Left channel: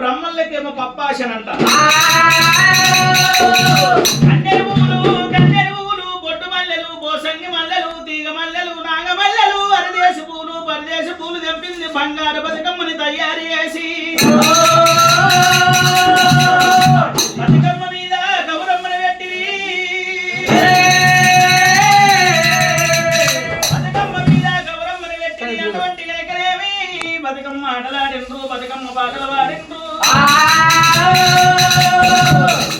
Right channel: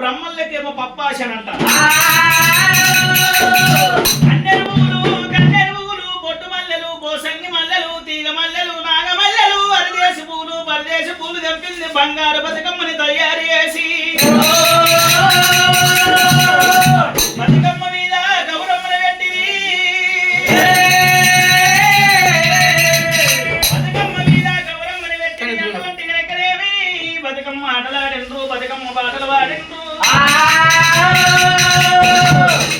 బ్రహ్మలకేమో పప్పాశనంట. కన్నెరు పువ్వులు బొట్టు మల్లెలు బోసంగి మల్లెలు తీగ మల్లెలు నాగమల్లెలు పరదేశ పూలు తెంపింది బంగారు బతుకమ్మని తయారు చేసి బతుకమ్మ మీద గౌరమ్మని పెట్టి బతుకమ్మ మీద గౌరమ్మని పెట్టి అటువంటి కనుకనేమి బతుకమ్మ ఆటలాడిండ్రు బతుకమ్మ పాటలు పాడిండ్రు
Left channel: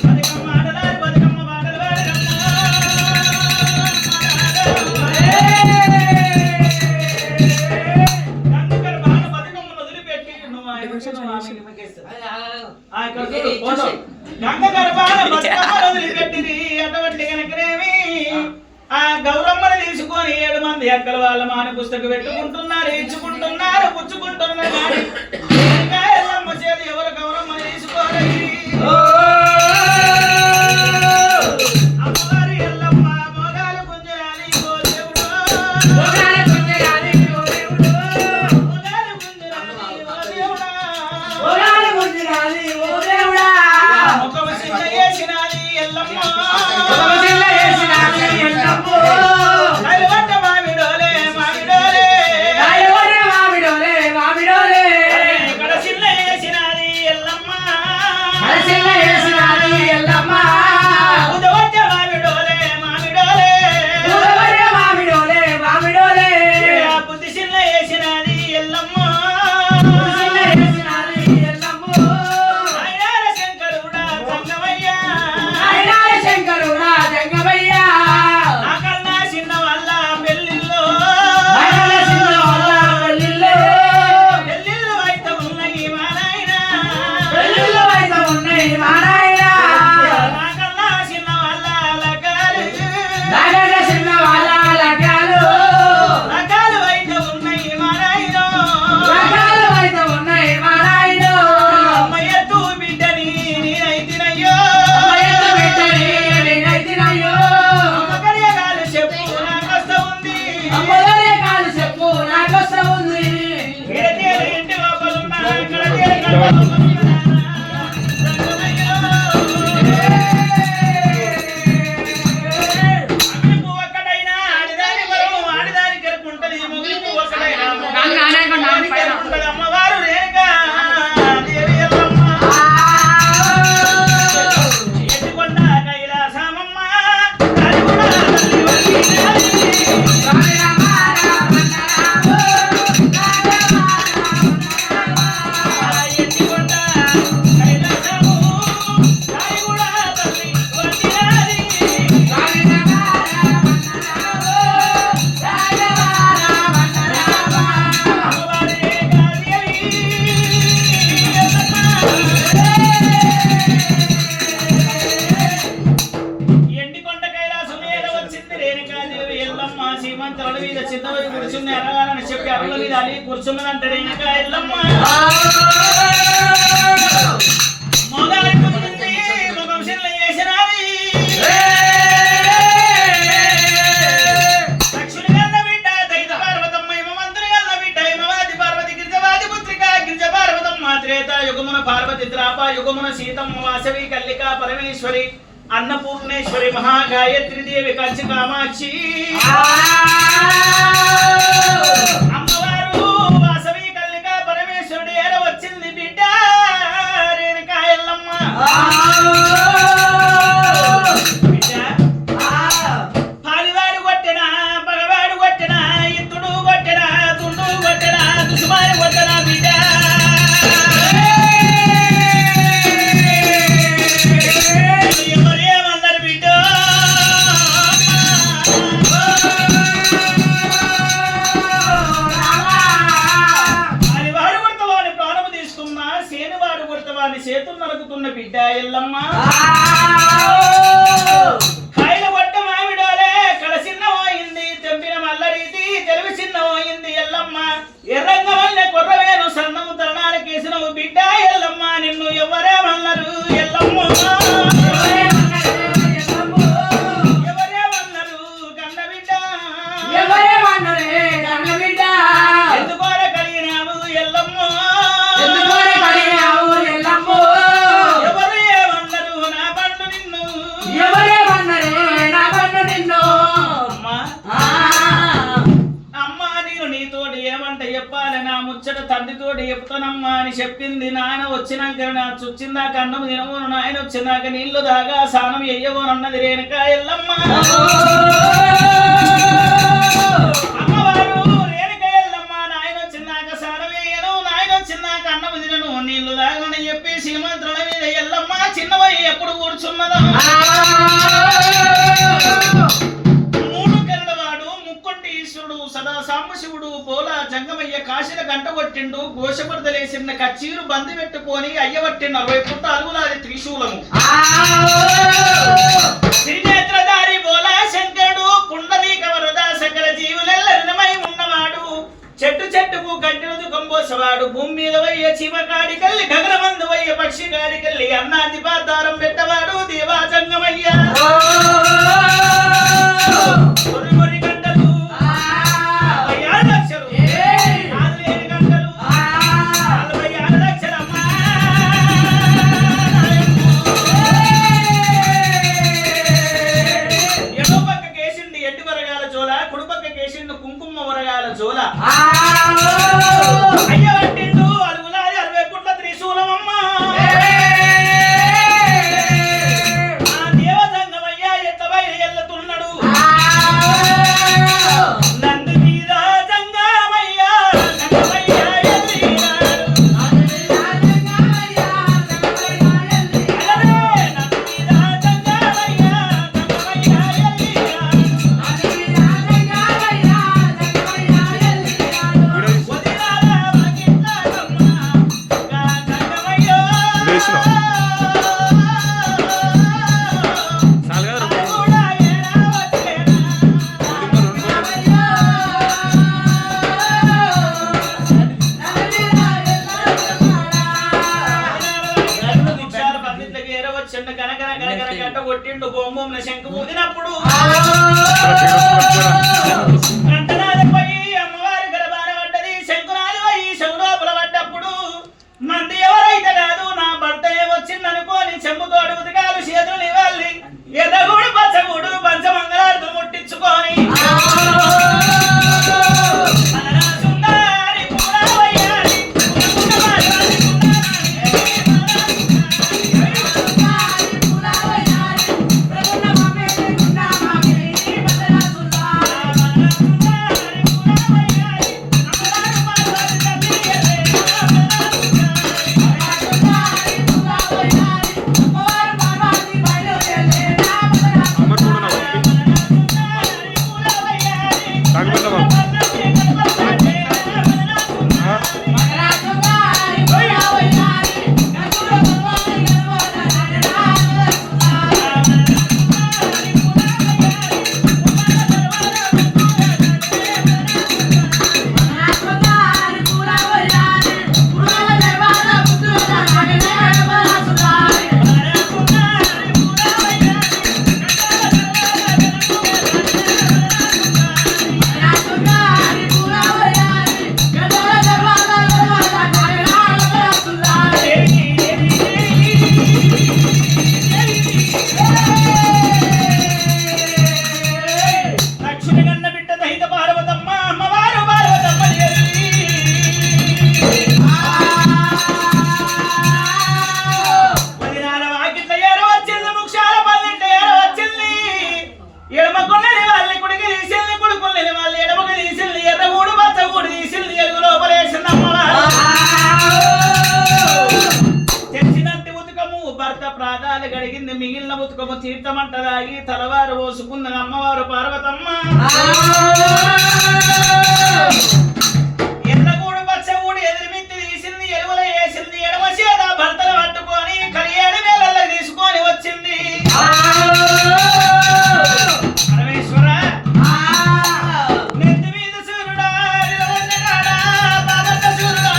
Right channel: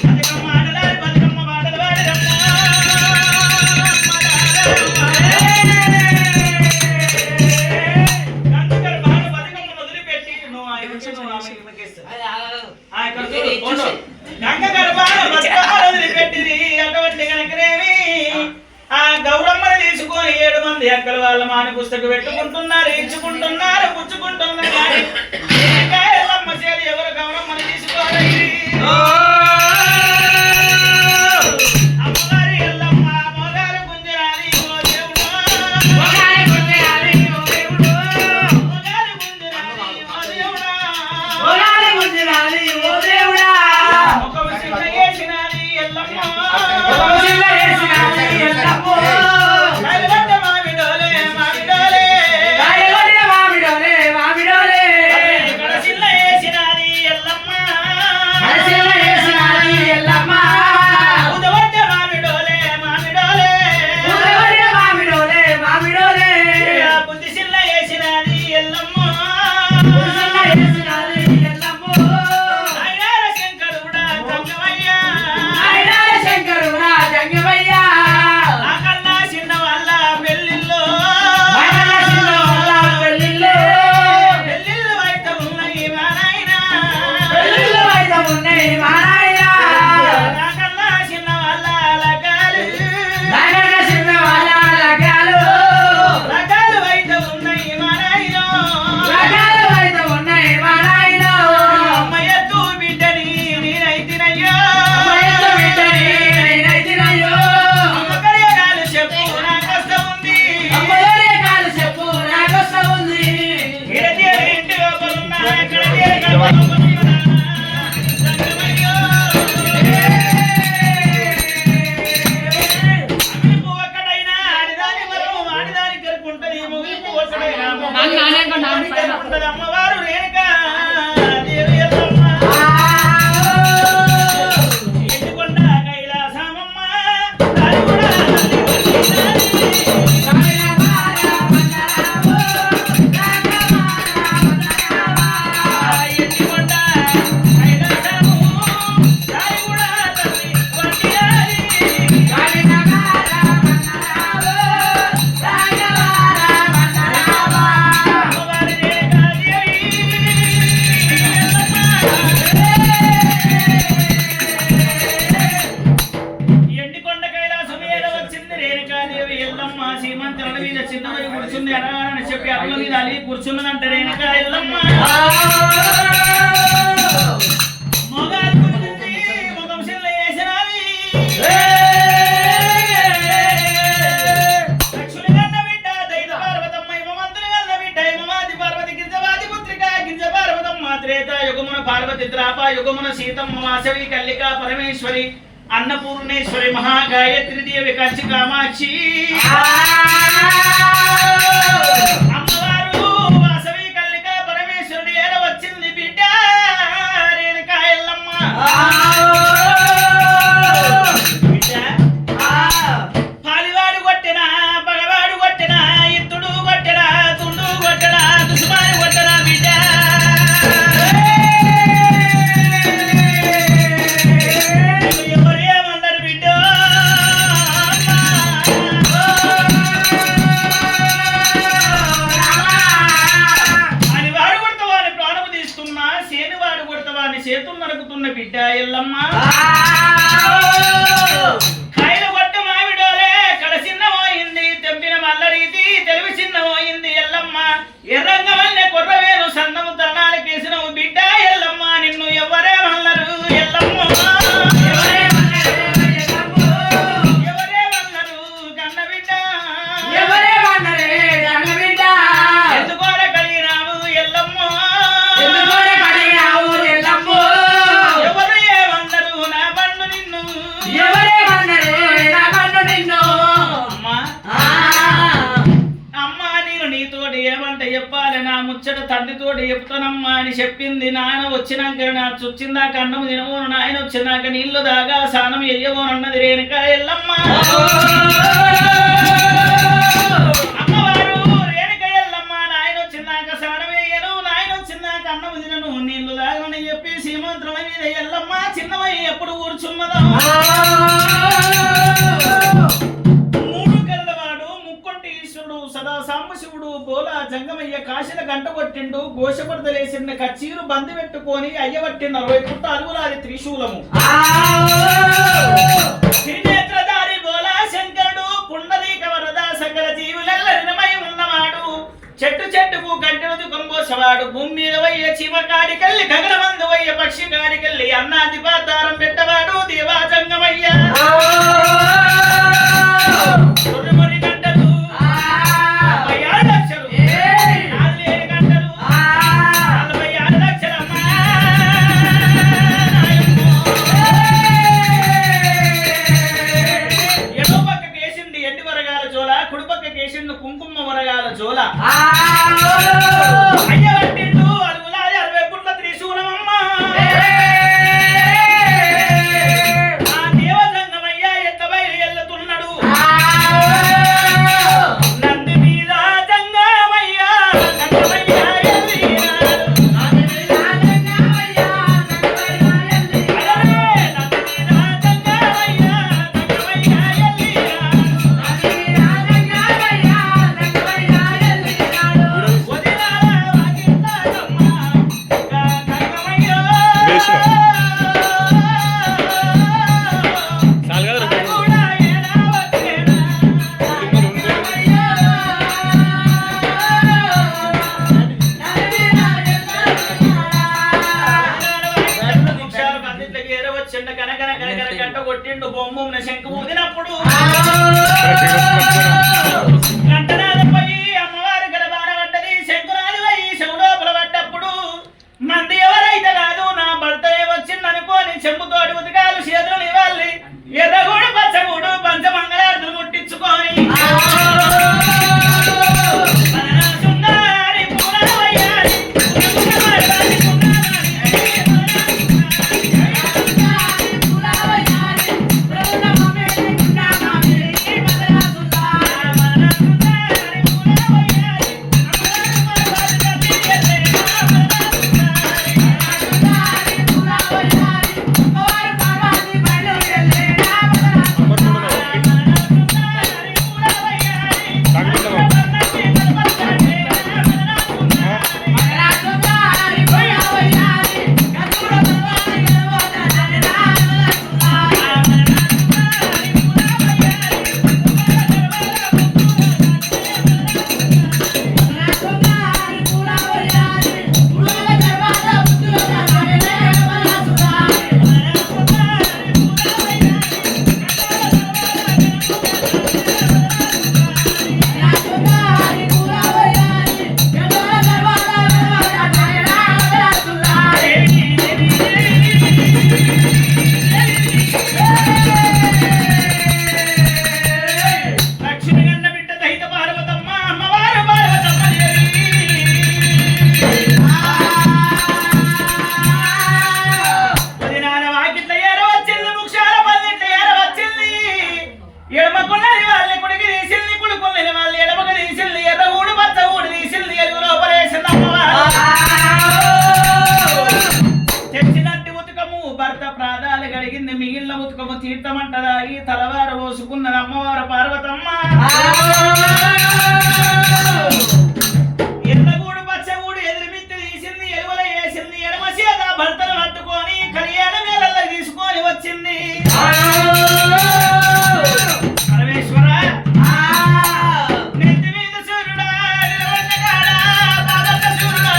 బతుకమ్మ ఆటలాడి బతుకమ్మ పాటలు పాడిరమ్మ గంగ గర్భాన బతుకమ్మలు వదిలిపెట్టింది. అటువంటి కనుకనేమి ఆ గౌరమ్మను తీసుకొని 7 మంది అక్కల వాళ్ళ మాని పుస్తకం పెట్టుకుంటున్నారు, ఇచ్చుకుంటున్నారు, పుచ్చుకుంటున్నారు. కానీ ఎల్లమ్మ చేతి ఎవరు గౌరమ్మని తీసుకోవాలి. అమ్మవారి ఎల్లమ్మ మోగాలు గుంజరాలి ఓ దేవుడు, మోగాలు గుంజరాలి ఓ దేవుడు, మోగాలు గుంజరాలి ఓ దేవుడా, మోగాలు గుంజరాలి ఓ దేవుడా. ఒక వసిల చేసినాది ఎల్లమ్మ, ఒక వసిల చేసినాది ఎల్లమ్మ. కైలవట్ట మామిడోలే మామిడోలే, కైలవట్ట మామిడోలే మామిడోలే. కడసిల్ల చేసినాది ఎల్లమ్మ, కడసిల్ల చేసినాది ఎల్లమ్మ. ఉదవట్ట మామిడోలే మామిడోలే, ఉదవట్ట మామిడోలే మామిడోలే. బుద్ధిసిల్ల చేసినాది ఎల్లమ్మ, బుద్ధిసిల్ల చేసినాది ఎల్లమ్మ. నాయనార శంకరుడా జంగమయ్య, నాయనార శంకరుడా జంగమయ్య. ఆకల్లా చిన్న వాళ్ళ పెళ్ళిల్లో, ఆకల్లా చిన్న వాళ్ళ పెళ్ళిల్లో. పెళ్ళిళ్ళు అయితే ఉన్నాయి మా నాయన, పెళ్ళిళ్ళు అయితే ఉన్నాయి మా నాయన. నాకల్లా చిన్న వాళ్ళ లగాలు, నాకల్లా చిన్న వాళ్ళ లగాలు. లగాలు అయితే ఉన్నాయి మా నాయన, లగాలు అయితే ఉన్నాయి మా నాయన. అమ్మయ్యత్తు బిడ్డని నేనైతినయ్యో, అమ్మయ్యత్తు బిడ్డని నేనైతినయ్యో. అమ్మగడియగాలు చెప్పు నాకొస్త ఉంది, అమ్మగడియగాలు చెప్పు నాకొస్త ఉంది. గిరదేవి ఇంటి లోపలున్న గిరదేవి గడపలున్న జంగమయ్యో. అమ్మిపు ఒక్కడైనా ఆడిదాని వరము ఆడిదాని కెరుకుంటది, ముగింపు ఒక్కడైనా మొగలికి కెరుకుంటది. అమ్మవారు రేణుకా దేవి ఎల్లమ్మ, ఎత్తుకొండ కైలాసమమ్మ దానిగుడ తల్లి వంగినాది. ఎత్తుకొండ కైలాసము దానిగుడ తల్లి వంగినాది. అమ్మవారి రేణుకా దేవి ఎల్లమ్మ. ఎండికొండ కైలాసం మీద వచ్చింది రేణుకాదేవి ఎల్లమ్మ. సీమంతుల మీద చిన్నవి కూర్చుంది అనగానని చెప్పి అరుల మీద అలి కూర్చున్నదంట రేణుకా ఎల్లమ్మ. మొగాలి కూర్చుంది, ముఖం చిల్ల చేసినది. దక్షుని గల్ల బిడ్డ దైత పార్వతమ్మ, హిమవంతుని గల్ల బిడ్డ హిమవాది పార్వతి, గిరిజవాది పుత్రిక గిరిజ పార్వతమ్మ. త్రేతాయుగమున పార్వతి, ద్వాపరయుగమున సీతమ్మ, వాసవి కల్లిక పరమేశ్వరి, అన్నపూర్ణేశ్వరి, మహాగాయత్రి దేవి, కంచి కామాక్షి. అమ్మవారు వాసవి కల్లిక పరమేశ్వరుడి ఏర వచ్చింది బిడ్డ రేణుకా ఎల్లమ్మ. బిడ్డ పాలివాడు కొట్టినా పగవాడు కొట్టినా ఇత్తుడు కొట్టినా తుండు కొట్టినా దుసుమారి కొట్టినా బిడ్డ ఎవరేమన్నారు బిడ్డ. పాలివాడు కొడతావాని ప్రాణము తీస్తున్నా, సేనువాడు కొడతావాని చేతులు నరుకుతున్న బిడ్డ ఎల్లమ్మ. కాయలు కొట్ట మామిడోలే కడసిన్నమోయింది, తెంపిన మల్ల రీతి తెలివి చిన్నమోయింది ఎల్లమ్మ. ఎర్రంగా వల్లే కొర్రవేను సన్నము తరణాలకేసినవు బిడ్డ ఎల్లమ్మ. నిన్ను ఎవరేమన్నారు ఎల్లమ్మ, ఎవరేమన్నారు కన్న బిడ్డ, ఎవరేమన్నరే కన్న బిడ్డ. ఎందుకోర కలిగినావు ఎల్లమ్మ, ఎందుకోర కలిగినావు ఎల్లమ్మ. చెప్పాలి నా ముచ్చట తండ్రితోటి చెప్తానమ్మా అని చెప్పింది. నాయన వచ్చినాక నా చుచ్చిందాక అన్నం తినవోను, నాయన వచ్చినాక నీళ్లు దాగా స్నానం ఎయ్యవోను అన్నది రేణుక ఎల్లమ్మ. అమ్మవారు రేణుక ఎల్లమ్మ నాయన వచ్చినాక స్నానం వేయను, నాయన వచ్చినాక అన్నం తినను, నీళ్లు దాగని చెప్పి శ్రీమంతుల మీద ఎల్లమ్మ చిన్నవయ్య ఎప్పుడు కూర్చున్నదో. సదా సాంబశివుడు పోలా జంగమయ్య కాశీల గంట కొట్టిండు, గోషపడతలేసిన కచ్చీరు బంది పెట్టుకొని అయ్యబట్టి 40 పుట్ట అరుగులాది త్రిశూలము. త్రినేత్రధారి బోలా శంకరుడు పుండరీక వరద సకల జీవులెల్ల రినమై ఉన్నవాడు, చెట్టు చెట్టుకు గంటెను దుకంబోసవాడు, భూమి మీద వయ్య చీమ కాడికెళ్ళి గగనమందు వయ్య పక్షి కాడికెళ్ళి అన్నాది పాతారం పెట్టవాడు దేవా జంగమయ్య. కుంకుమ వరగాల జోల అయ్యబట్టిండు అరుగులాది 60 పుట్ల త్రిశూలమమ్మ. ఆ దేవజంగమయ్య ఎట్ల బయలు ఎల్లుతున్నాడు, నంది మీద జంగమయ్య జంగమయ్య ఎల్లినాడు. నంది మీద జంగమయ్య జంగమయ్య ఎల్లినాడు. కొట్టిండు బొమ్మ శంకు ఊదినప్పుడు గంటనాది పోయి అమ్మవారి గర్భాన పడ్డది, శంకునాది పోయి శవుడోపల పడ్డప్పుడు మంది ఎవరైతే కాదు నా భర్తనే వచ్చిందనుకోని చెంబుతోటి ఉతికాలు చేతులు ఇవ్వాలి, ఎర్రగూడు పచ్చగూడు పంచమంగళార్థులు ముట్టించుకొని మిగిలిన ఉతుకము తీర్థమంటదాగి తలవారు పోసుకున్నది అమ్మవారు పార్వతమ్మ. ఎర్రగూడు పచ్చగూడు ఎదిరిమిత్తి తీసింది, ఎలువల వేసింది, ఎడమ చేత భర్తను పట్టుకొని కళ్యాణ వేళల్లో తీసుకొని వచ్చింది. పరమేశ్వర నెత్తి మీద సూర్యుడా సూర్యుడా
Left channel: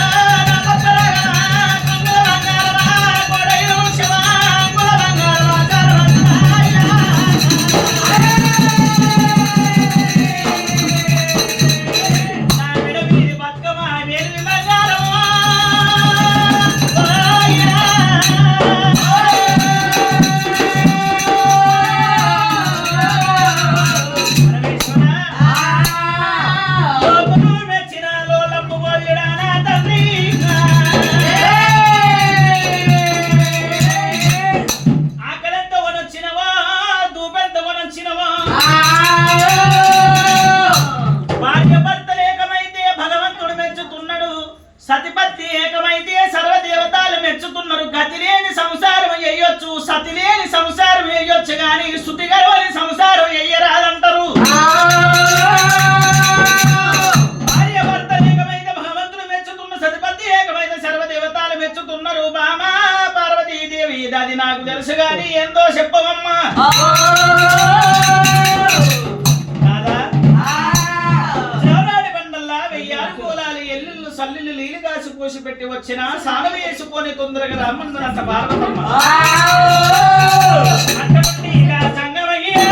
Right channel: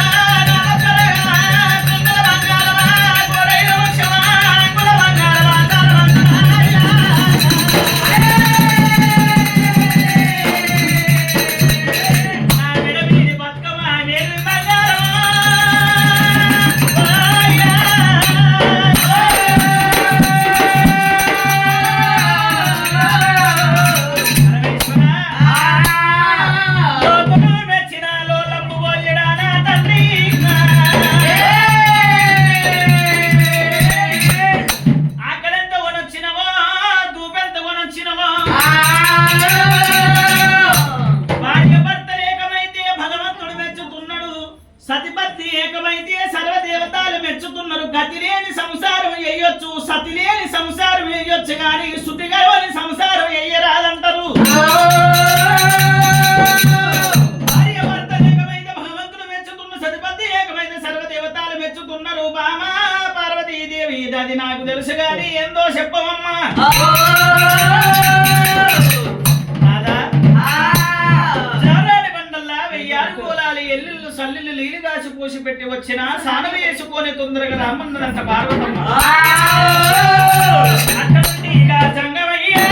ఎయ్యొచ్చు గాని శృతి గర్వని సంసారం ఎయ్యరాదంటారు. భార్య భర్త ఏకమైన భగవంతుడు మెచ్చుతున్న సతిపతి ఏకమైన సర్వదేవతాలు మెచ్చుతున్నారు. బామా పార్వతీదేవి అది నాకు తెలుసు గాని ఎందో చెప్పవమ్మా. ఎల్లుళ్ళు సల్లులు నీళ్ళు కాసి పోసి పెట్టి వచ్చిన సానవి వేసుకొని తొందరగా రమ్మన్నదంట పార్వతమ్మ. అటువంటి ఇక సంగమయ్యా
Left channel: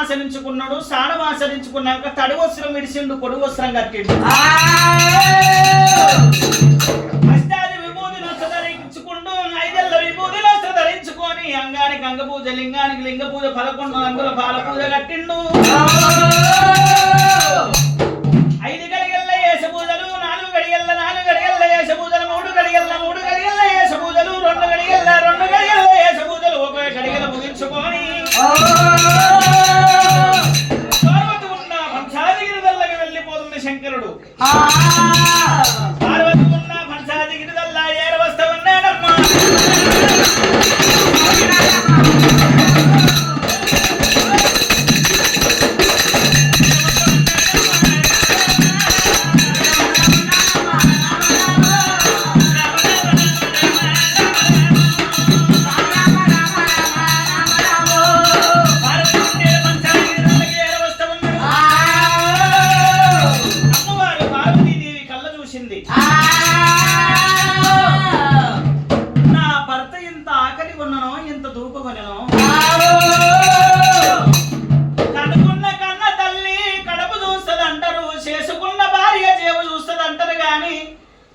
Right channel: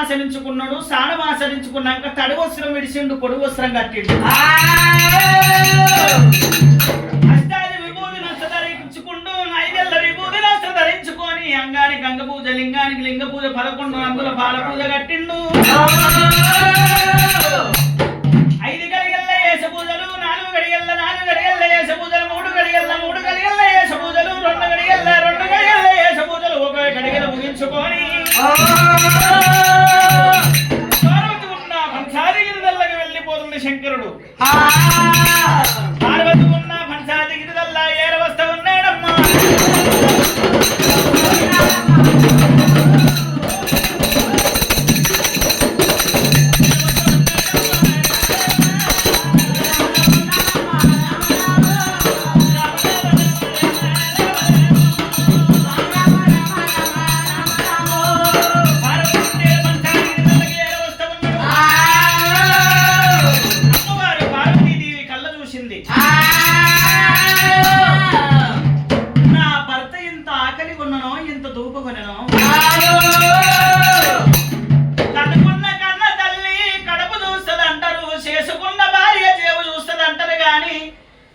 ఆచరించుకున్నాడు. స్నానం ఆచరించుకున్నాక తడి వస్త్రం విడిచిండు, పొడి వస్త్రం కట్టిండు. అష్టాది విభూతి నొచ్చ ధరించుకుంటూ 5 ఏళ్ల విభూతి నొచ్చ ధరించుకొని అంగానికి అంగ పూజ, లింగానికి లింగ పూజ, 11 రంగుల పాల పూజ కట్టిండు. 5 గడియల్ల ఏస పూజలు, 4 గడియల్ల 4 గడియల్ల ఏస పూజలు, 3 గడియల్ల 3 గడియల్ల ఏస పూజలు, 2 గడియల్ల 2 గడియల్ల ఏస పూజలు ఒక గడియల ముగించుకొని శంకరుడు పార్వతి ఉన్న పంచాదిగిరిదల్లా ఏరవస్త ఉన్నాడమ్మా.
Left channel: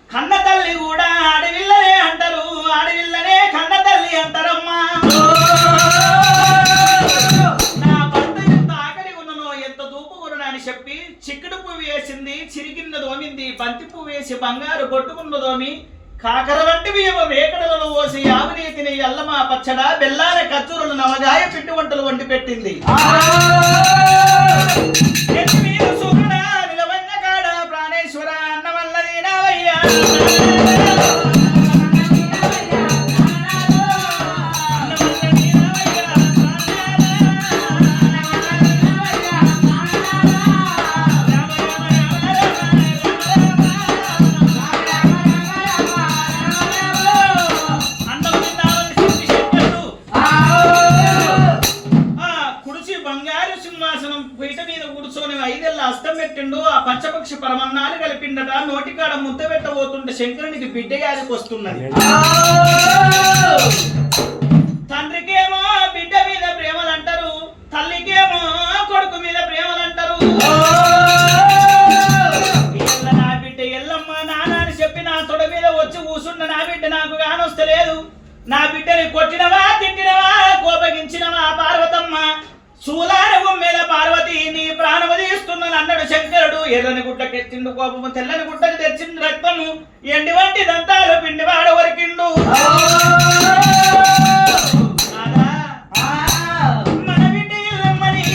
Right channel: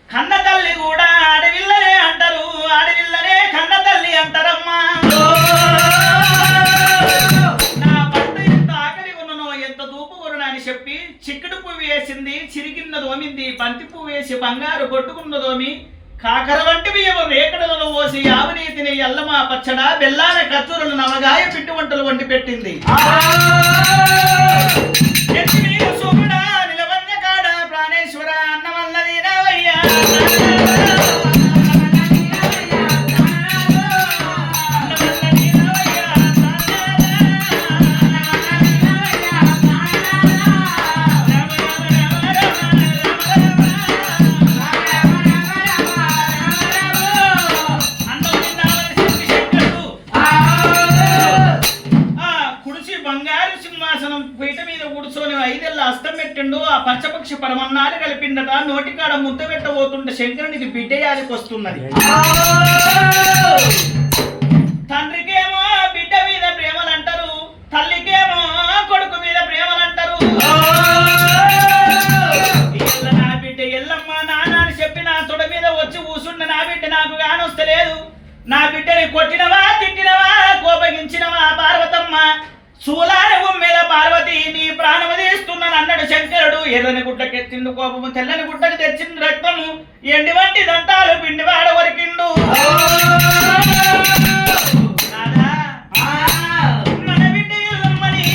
కన్న తల్లి కూడా ఆడవిల్లనే అంటారు, ఆడవిల్లనే కన్న తల్లి అంటారమ్మా. నా భర్త ఎంత ఆకలి ఉన్ననో, ఎంత దూపు కొనను అని చెప్పి చిక్కుడు పువ్వు వేసింది, చిరిగిన్న దోమింది, బంతి పువ్వు వేసి బంగారు కొట్టుకున్న దోమి, కాకర వంటి బియ్యము వేకడలలో పోసి ఆవునీతిని ఎల్లమా పచ్చడ, బెల్లాన కచ్చూరులు, నవగాయ పిండి వంటలు వండి పెట్టింది. నిలవన్న కాడ ప్రాణేశ్వర అన్న వల్లది నావయ్యా. ఆ పంచపక్షి పరమన్నాన్ని కలిపిండట. నోటికాడ ముద్ద పెట్టబోతుంటే శంకరునికి బిడ్డ యాదికి వస్తున్నది. తండ్రికేమో బిడ్డ మీద ప్రేమలు అంటారు, తల్లికేమో కొడుకు మీద ప్రేమలు అంటారు. నా బిడ్డ ఎల్లమ్మ నాన్న అని చెప్పి నా తొడ మీద వచ్చి కూసుండ నా బిడ్డ నాకు కానొస్తలేదు. నా బిడ్డని కొట్టినవా, తిట్టినవా, కోపగించినవా పార్వతమ్మ, చూలార మీద పార్వతి నీ ప్రాణము తీస్తున్నాను అన్నాడు శంకరుడు. ఎర్రని గుడ్డకెత్తిండు కోపము, తెల్లని గుడ్డకు తెచ్చిండు రక్తము, ఎండి వంటి దంతాలు పిండివాడ వరికిండు. మన బిడ్డ ఎల్లమ్మని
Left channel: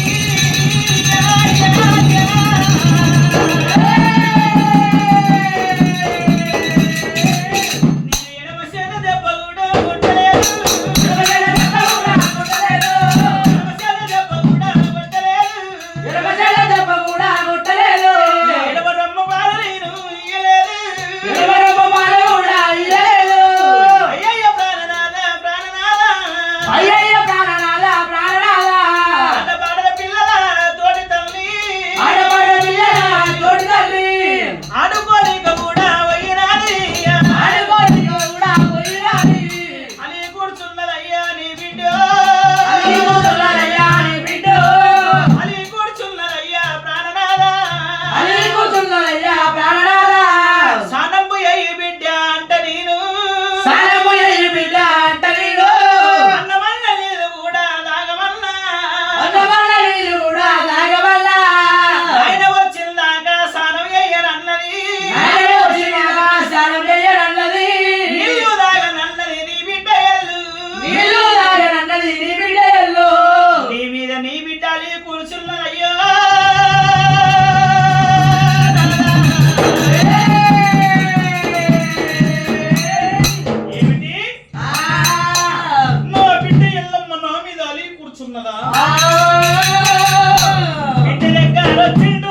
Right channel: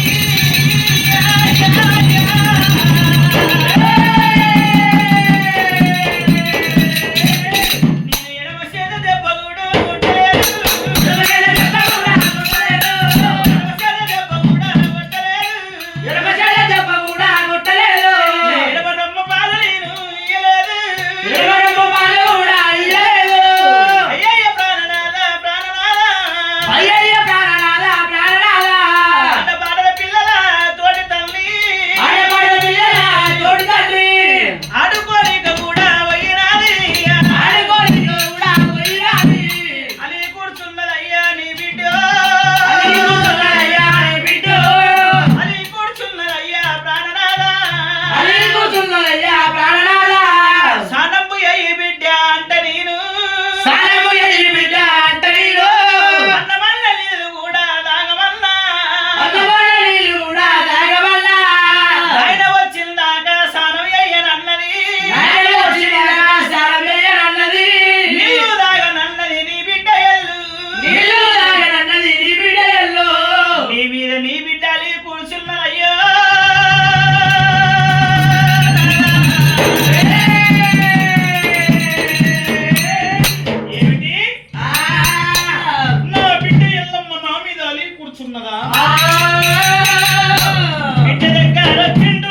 నేను ఎడమ చేత దెబ్బ కూడా కొట్టలేదు. కూర్చున్నదా బిడ్డ దగ్గర వచ్చిండు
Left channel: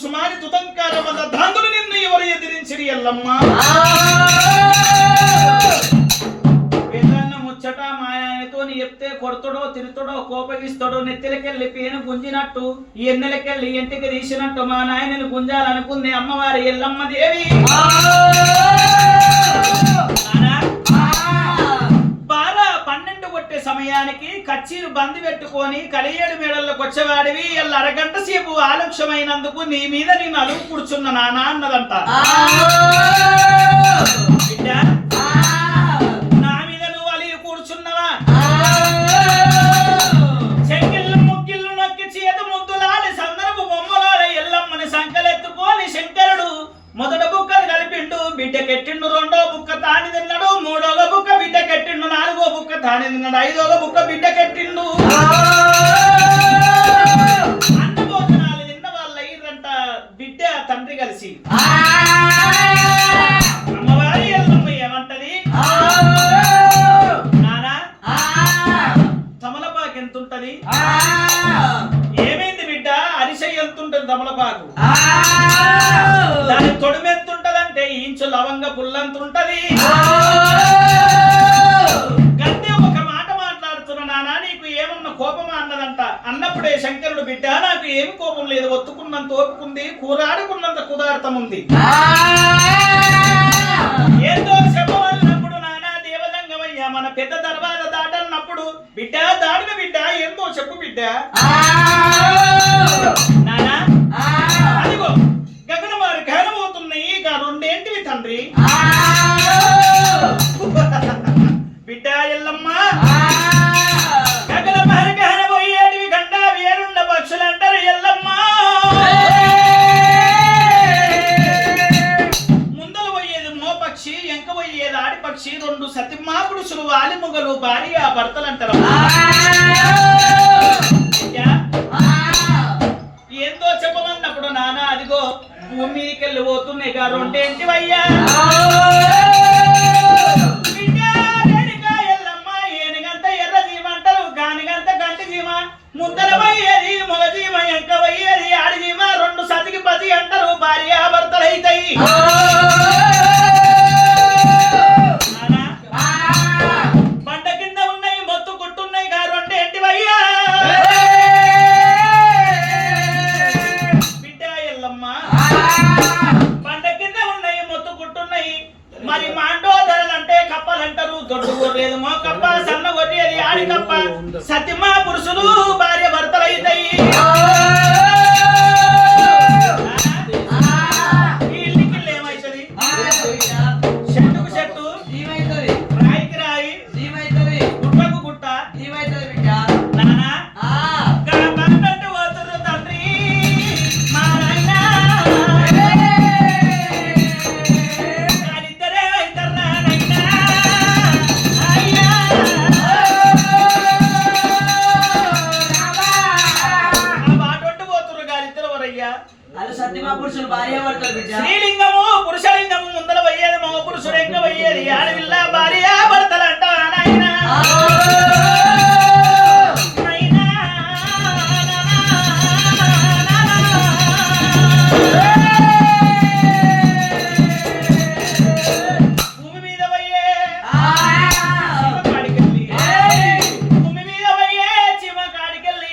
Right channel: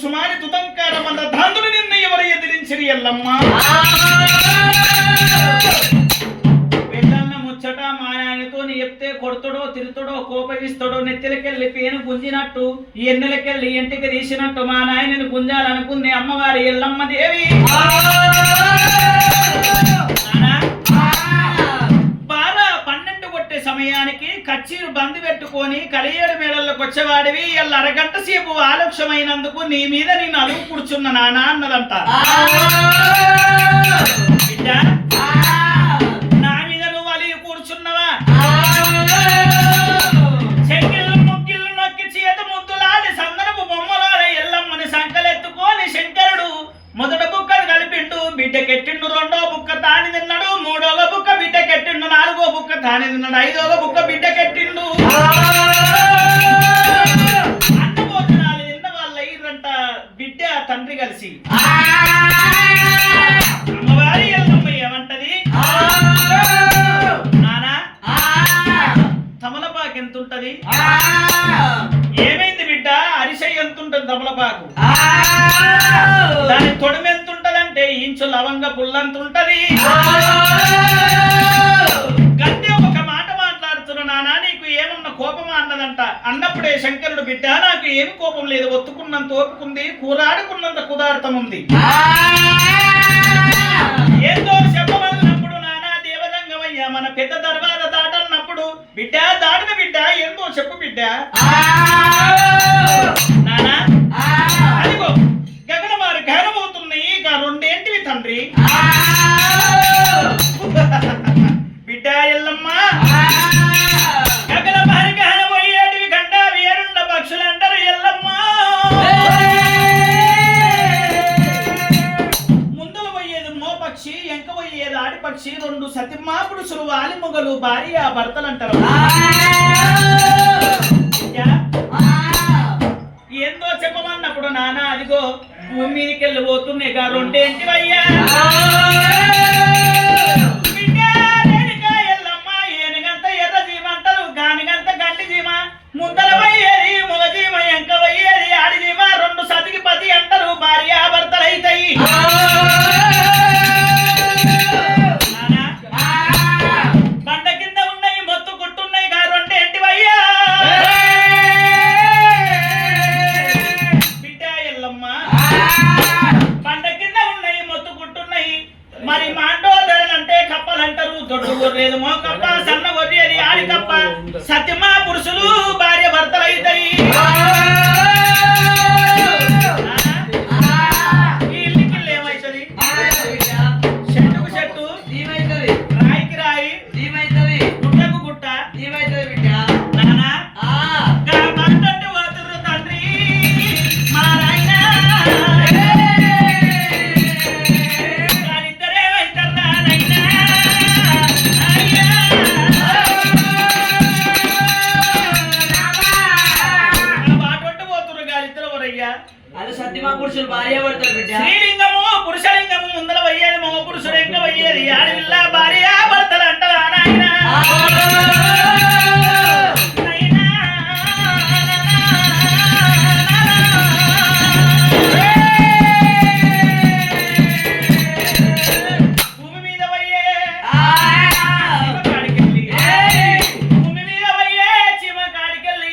సుమారి తుతంకార వల్ల ధాంతులు నిన్న ఎవరు ఎదిరించిరి ఎల్లమ్మ పెళ్ళన్న ముచ్చట మాయానితో చెప్తే కొడతాడో తిరుతాడో కోపగిస్తాడో నెత్తిలకెళ్ళి పేను గుంజినట్టు ఈ ఎన్నెలకెళ్ళి ఇంటికి తీసినట్టు మా నాయనని గుంజాలనుకుంది అమ్మవారి ఎల్లమ్మ దేవి సమయానికి కచ్చీరు బంది పెట్టుకొని కలియేడు మేడల్లోకి వచ్చేవాడివి ఎల్ల అరగంట సేపు ఆలక్ష్యమైనందుకు నీ మీద నేను అలుగు కూర్చున్న నాన్న అన్నదంట నా మీద నువ్వు అలిగి కూర్చున్నవా శంకిళ్ళు ముగ్గిళ్ళు నొక్కి చేత ముద్దులాడి సందనపు బొమ్మలాడ ఎల్లమ్మని సంకలెత్తుకొని శంకరుడు మొదట బుక్కలు కలిపిండు బిడ్డకెట్టిండు రెండో బుక్క తాని తిన్నాడు మూడోగ బుక్క బిడ్డకెట్టిండు నాలుగో బుక్క తాని తిన్నాడు ఐదోగ బుక్క బిడ్డకెట్టిండు అన్న భోజనాలు తిన్న వాళ్ళ అయ్యింట బిడ్డ తండ్రి కలిసి అమ్మవారి ఎల్లమ్మ ఏమంటది నానా తమలపాకు ఎంతుంటది ఏమైంది బిడ్డ అరిసె ఎంతుంటది తమలపాకు దాని తొడిమి ఎంతుంటదంటే ఇంచు లవంగ పుల్లంతుంటది గద్దె ఒక మాట మాట్లాడుతున్నా నానా నీకు ఏమన్నా కోపమా అన్నదంట అన్నప్పుడే శంకరుడు బిడ్డ నాకు ఏమి కోపం లేదు ఒత్తుకున్నంత ఓపుకుంది కూరాడుకున్నంత కుదార్థం ఉంది ఏందో చెప్పమన్నప్పుడు నానా దేవదంగమయ్యా మన పెద్ద దర్బార దాటన్నప్పుడు బిడ్డ దాటిన బిడ్డ ఏందో చెప్పు బిడ్డ నానా అదిగో గగనమారి గహనమవుతున్నాయి ఇక రెండేంటివి తండ్రి బిడ్డ ఎల్లమ్మ గగనమారి గహనమయ్యేటివి గంట వేరుండ పక్షులు అంటారు ఎల్లమ్మ ముందలు పోయేది మోపక్షి ఎంక పోయేది ఆడిపక్షి రెండు సతిమా పురుషులు వాలి మొగలు భార్య భర్తలు అంటారు ఏందో చెప్పమన్నప్పుడు నాన్న అదిగో భూమి మీదకి వెళ్ళి పోతున్నాయి గా రెండేంటివయ్యా ఎల్లమ్మ ఏనుగంత ఎర్ర జీమ అంటారు గానిగంత గంటి జీమ ముద్దల పోయేది మొగ జీమ ఎంక పోయేది ఆడి జీమ రెండు సతికి పతి అంటారు భార్య భర్తలు అవుతాయి బండ కింద ఉన్నాయి మొత్తు కుట్టున్నాయి గా రెండేంటివయ్యా బండ కింద ఉన్నాయి మొత్తు కుట్టున్నాయి మరి మాండోదరలు అంటే కప్పలంటారు దొడ్డు గొర్రెది మో కప్ప సన్న గొర్రెది ఆడి కప్ప సత్యమా పురుషులు భార్య భర్తలు అవుతాయి ఈ ఇల్లుకిల్లు ఏమవుతుంది చెట్టుకు చెట్టు రాయికి రాయి గుట్టకు గుట్ట నానా బండంటే పోతుర్రు తండ్రి మా నాయన స్త్రీలింగము పురుషలింగము ముందర పోయేది మగ పురుషుడు ఎంక పోయేది ఆడపిల్ల భార్య భర్తలు అంటారు నాయన భూమి మీద పోయే చీమ కాడికెళ్ళి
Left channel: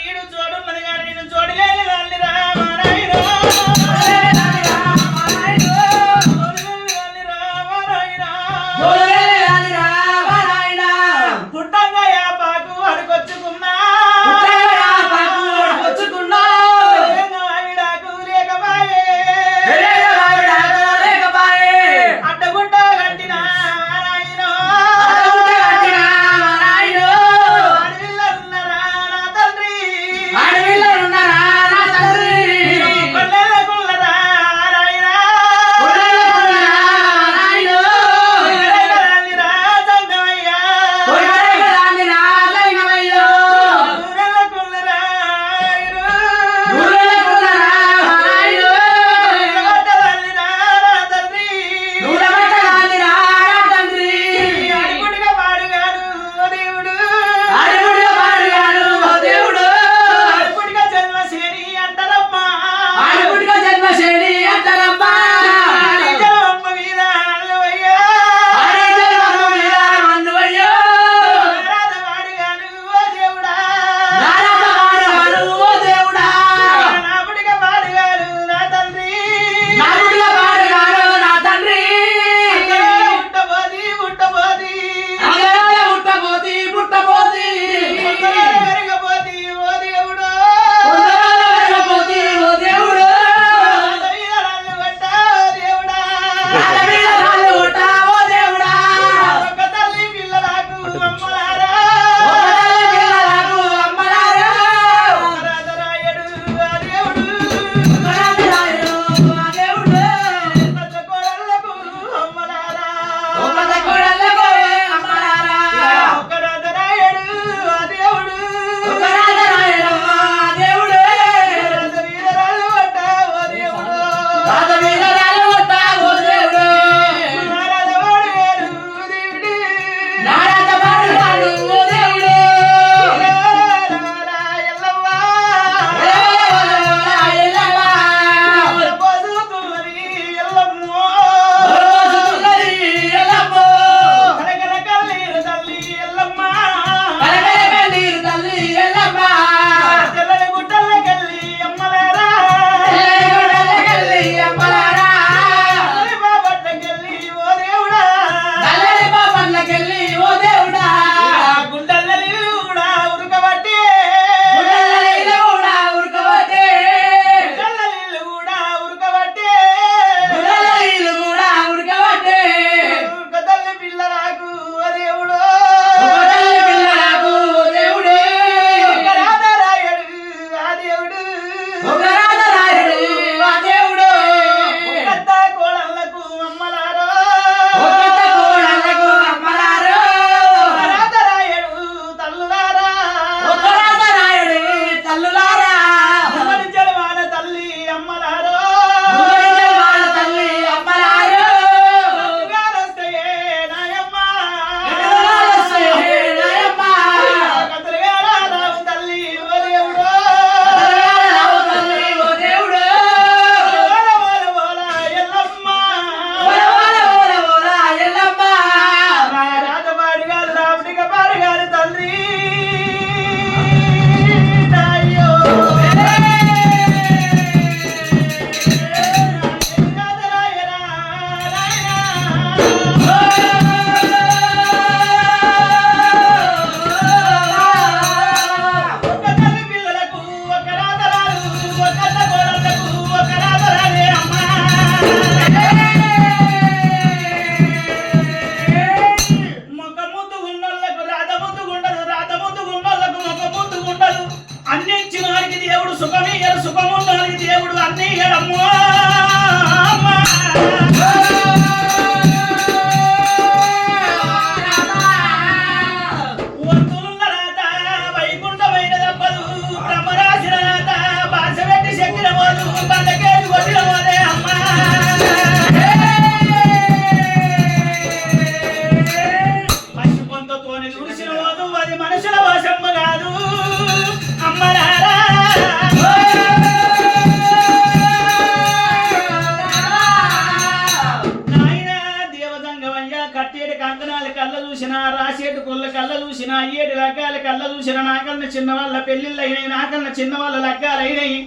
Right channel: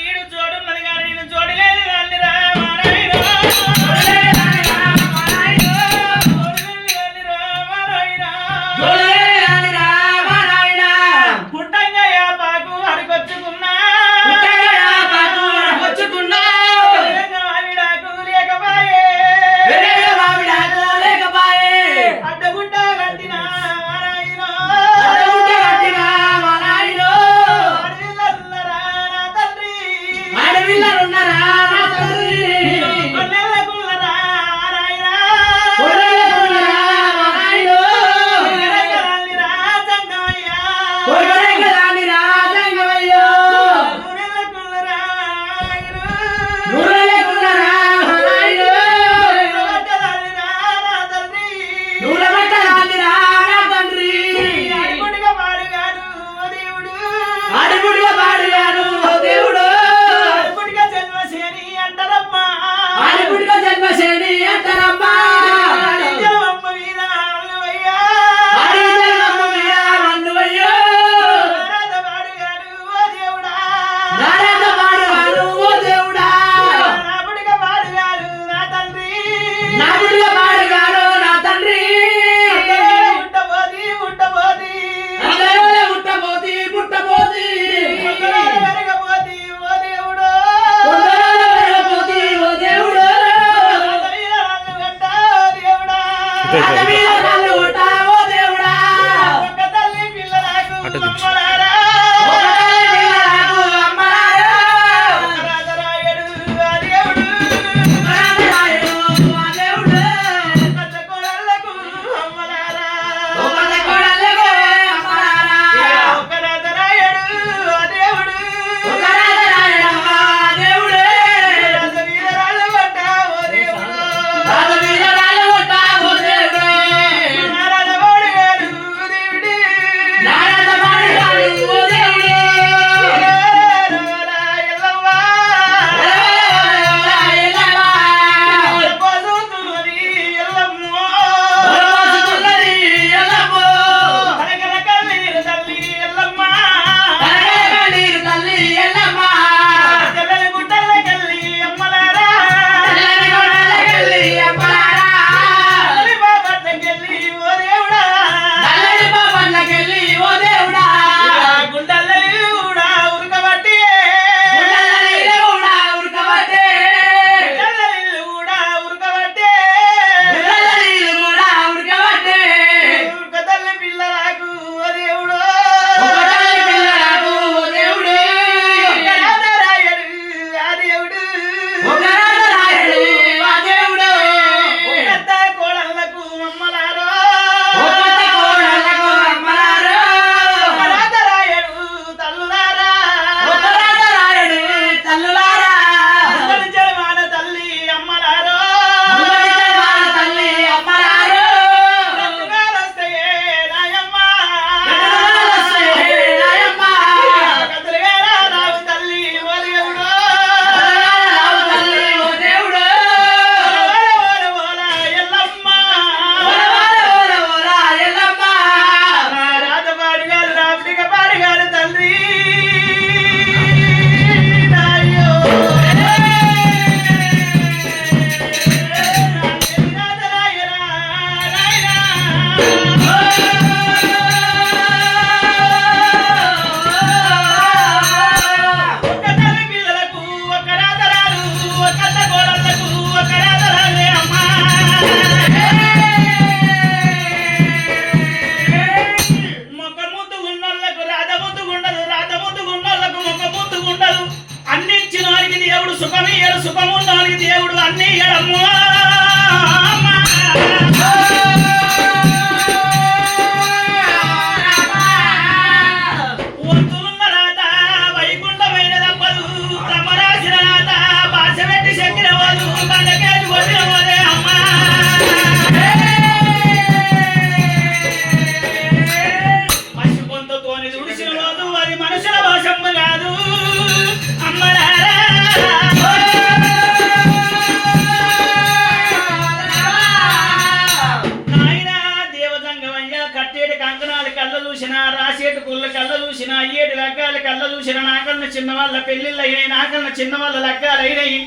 చిన్నవాళ్ళ పెళ్లిళ్ళైనాయి, నాకన్నా చిన్నవాళ్ళ లగ్గాలైనాయి.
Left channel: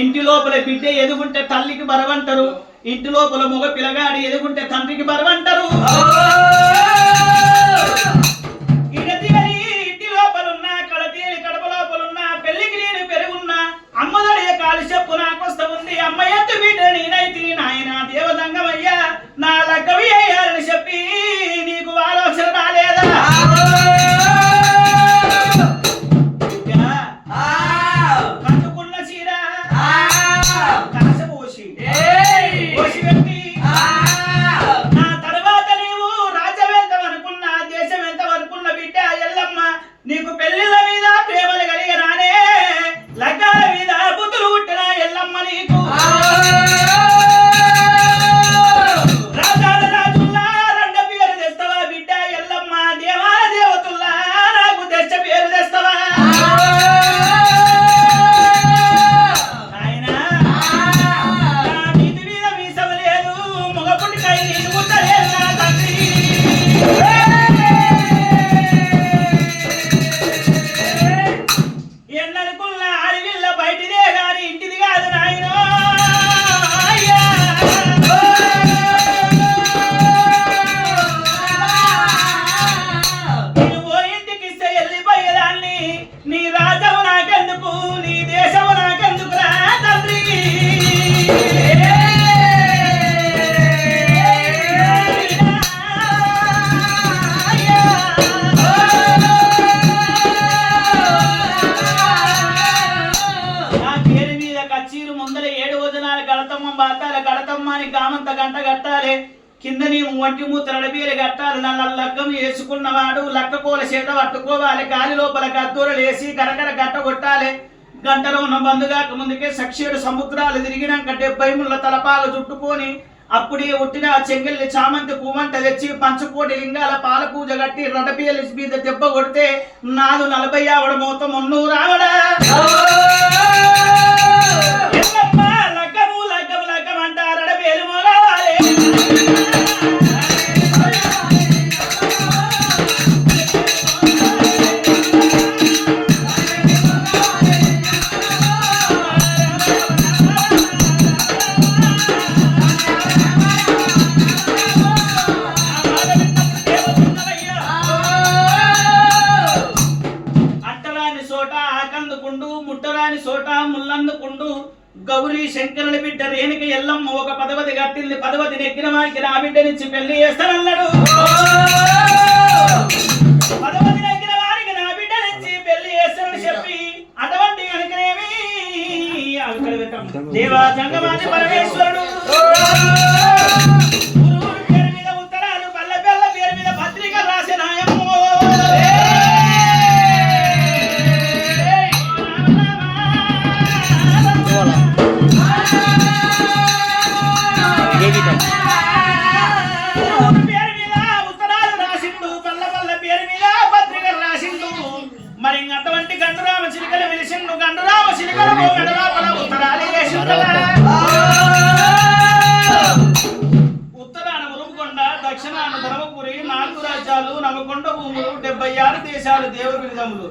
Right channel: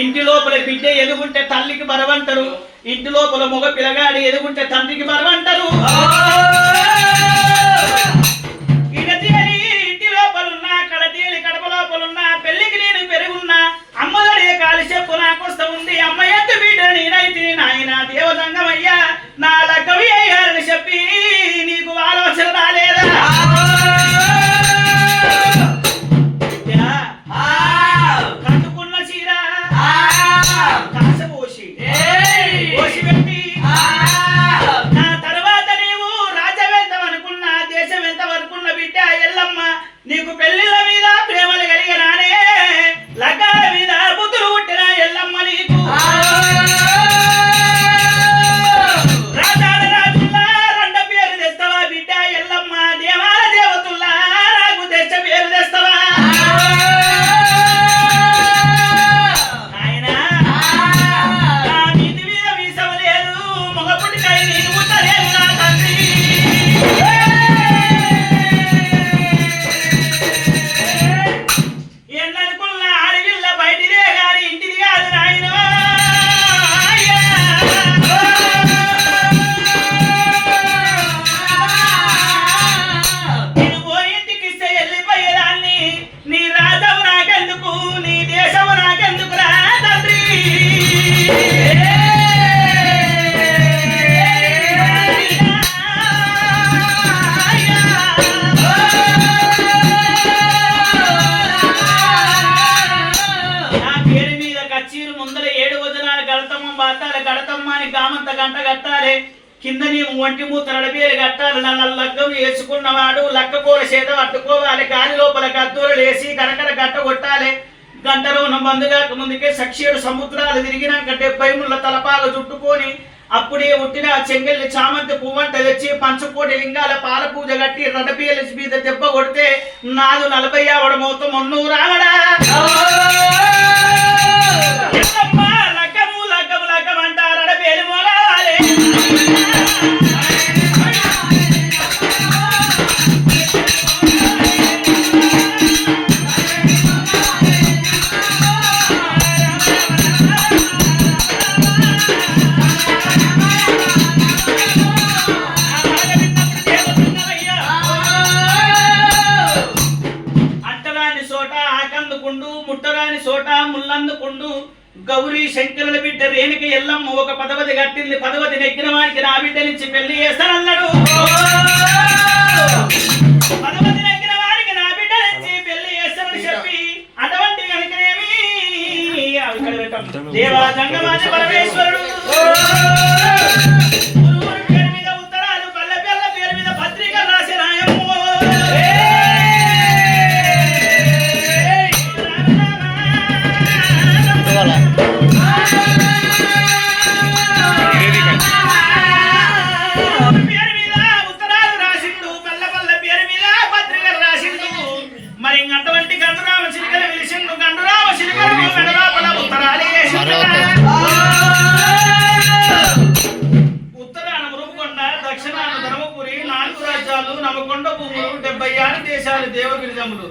ఇంటి లోపల బిడ్డ ఎదుగుంటే తల్లికి బరవంటారు, ఇంటి లోపల మగ పిల్లగాడి ఎదుగుంటే తండ్రికి బరవంటారు. ఇంటి లోపలున్నా కడతీలి కడప లోపలున్నా పెళ్లికి నేను పెరుగున్నా అమ్మదడే కాలి చెప్పు నాకొస్తా ఉంది. అమ్మ ఎత్తు బిడ్డ నేనైతే నాయన దేవదంగమయ్యా నా లగ్గవి అయ్యాలని చెప్పి నీకు ఆలోచన రాలేదా? నీకు పెళ్లిళ్ళ మీద ప్రేమలు కలిగరానే, లగ్గాల మీద బుద్ధులు పుట్టిన ఎల్లమ్మ నీకు రాజా ముందర 7 వజనాల గడతమ్మ బాతాల గడతమ్మ అని కామంత గంట కట్టాలి కింద నీ ఒంటి మూత నడబీలు కట్టాలి నల్ల లగ్గం వేసుకున్నవాడు లక్కపోల చేత పట్టుకోవాలి గాలి లోపల కత్తూరలు వేసి కరకర గట్ట కొట్టాలి గంటలో ఉన్న బంధుగాక ముందుకే 7 సముద్రాలు తిరిగినాక 70 ముళ్ళ తలపాగ చుట్టుకొని అప్పుడే ఉట్టిన చెంగల్లి చామంతి పువ్వంట తెచ్చి పంచకోటి లింగాల పాల పూజ కట్టి రడబీల మీద దెబ్బ కొడితే 40 ఆవిడ మోతం మొన్ను రావడా లగ్గము లగ్గము లగ్గం అంటారు రడబేలు మోలాలే ముట్టరాని సోట ముల్లందుకుండు గౌరీ శంకరుల బిడ్డ రేణుక ఎల్లమ్మ ఒక 10 కట్టింది 10 నెక్కిన వాడికి నా బిడ్డ నుంచి పెళ్లి చేస్తానన్నాడు 10 నెక్కిన వాడికి నా బిడ్డ నుంచి పెళ్లి చేస్తానని చెప్పి అటువంటి కనుకనేమి దేవా జంగమాని పరమేశ్వరుడు పేరు మీద ఉత్తరాలు పల్లె పిల్ల పేరు మీద పత్రిక రాసిన పేరు మీద ఉత్తరాలు రాసిండు పల్ల పేరు మీద పత్రిక రాసిండు మరి అటువంటి గండురామ చిలుకలు వెలిసిండు గండురామ చిలుకలకు మెడలోపల ఉత్తరాలు ఉత్తరాన మురుగుకొండ దక్షిణాన ధర్మపురి 4 రాజ్యాలు నవకొండ భూములు 76 దేశాలు దేవబిరుదములు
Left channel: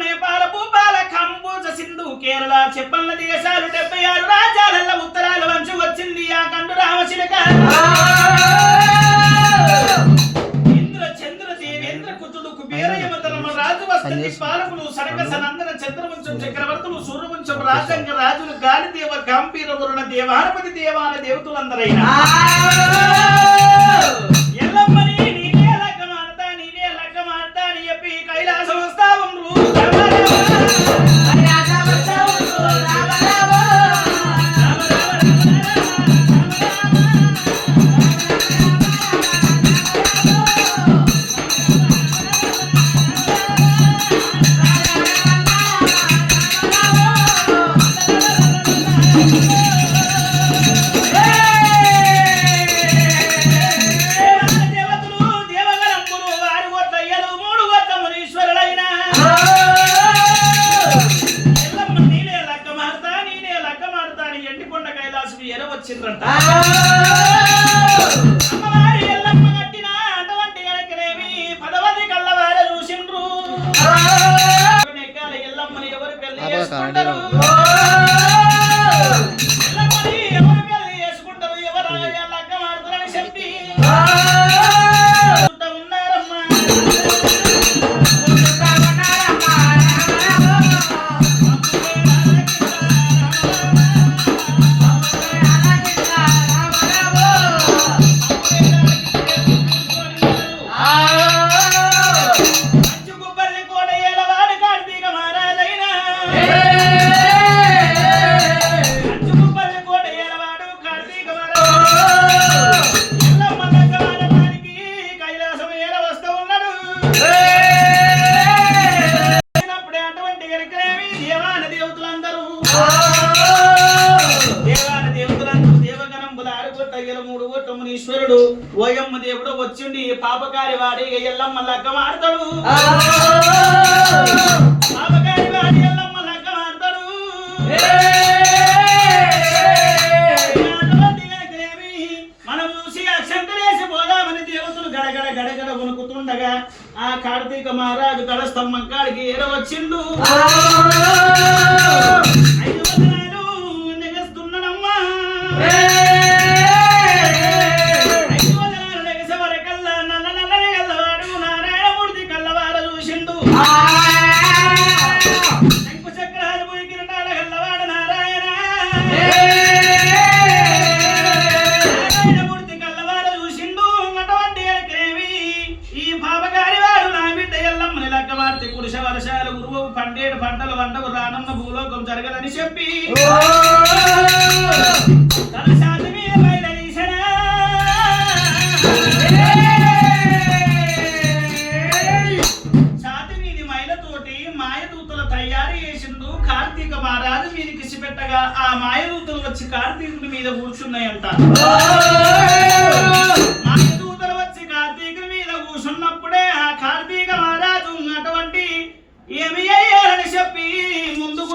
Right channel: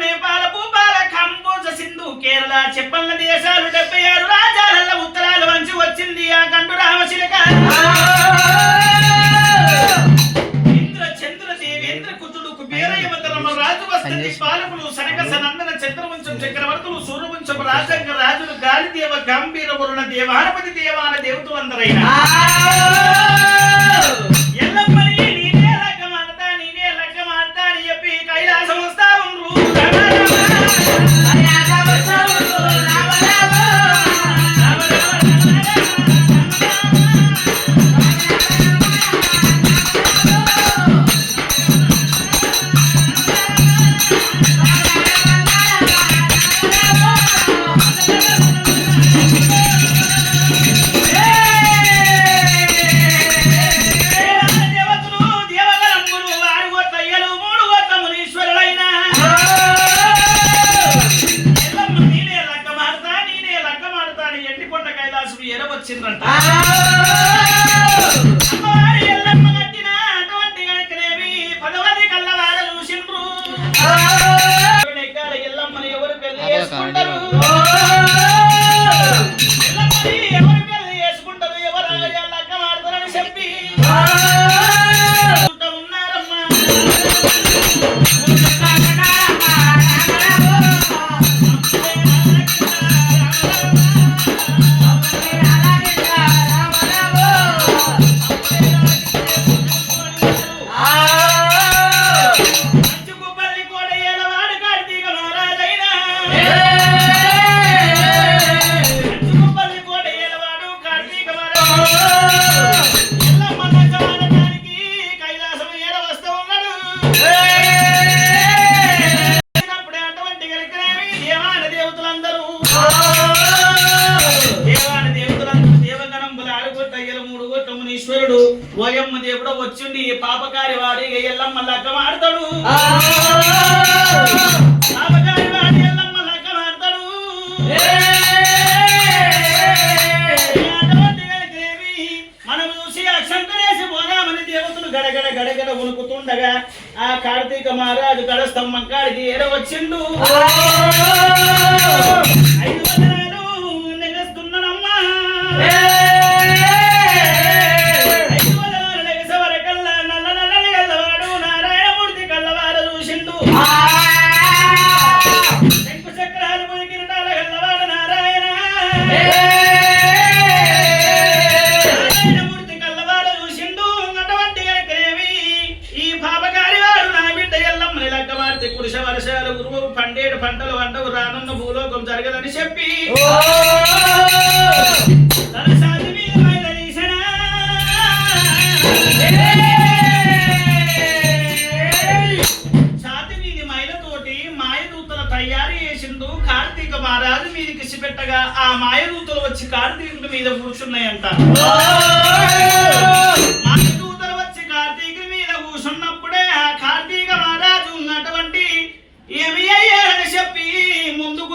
నేపాల భూపాల కంబోజ సింధు కేరళ చెప్పన్న దేశాలు 76 రాజ్యాల ఉత్తరాలు వంచి వచ్చింది ఆ గండురామ చిలుక ఇంద్ర చంద్ర దేవేంద్ర కుతుడు కుబేరయమతరమ రాజు వస్తుంది పాలకులు సనక సనందన చంద్రవంశం చక్రవర్తులు సూర్యవంశం రాజంగ రాజులు గాలిదేవ గంభీర వరుణ దేవారపతి దేవాన దేవతలు అందరైనా ఎల్లమ్మని నీవే లగ్గమాడతా అని చెప్పి కైలాసం వస్తా ఉండ్రు ఓయమ్మ దేవుడు వచ్చిండి పాపకారి వాడి ఎల్లమ్మ లగ్గం ఆడతాడు పాపకారి వాడి ఎల్లమ్మ లగ్గం ఆడతాడు మనం చూసి అక్షంతలేసి పోదామని దేవతలు గడగడ గడగడ ఉనుకుతుండగా ఆ కార్తీక మహారాజు గడస్తంభం కాడికి ఏరవచ్చిండు 5 వదనాలు నెగస్తున్నాడమ్మా పురుష వర్షాలు గురువు పండేడు పంటలు వంటకు రానున్న భూలోకం జరగదని చెప్పి తన శాంతి మీద బయలుదేరిసనా శాంతి మీది మైలతోటి మాయదూతల తయారు చేసిండు కార్తీక మహారాజు మీదికి పెట్టగా ఆ మాయదూతలు వచ్చి కార్తీకుడి మీద కూర్చున్నాయంట. మాయదూతలు వచ్చి కార్తీకుడి మీద కూర్చున్నప్పుడే ఆ కార్తీక మహారాజు ఉన్నటువంటి ఏమి అయ్యాడని చెప్పి ముందుకు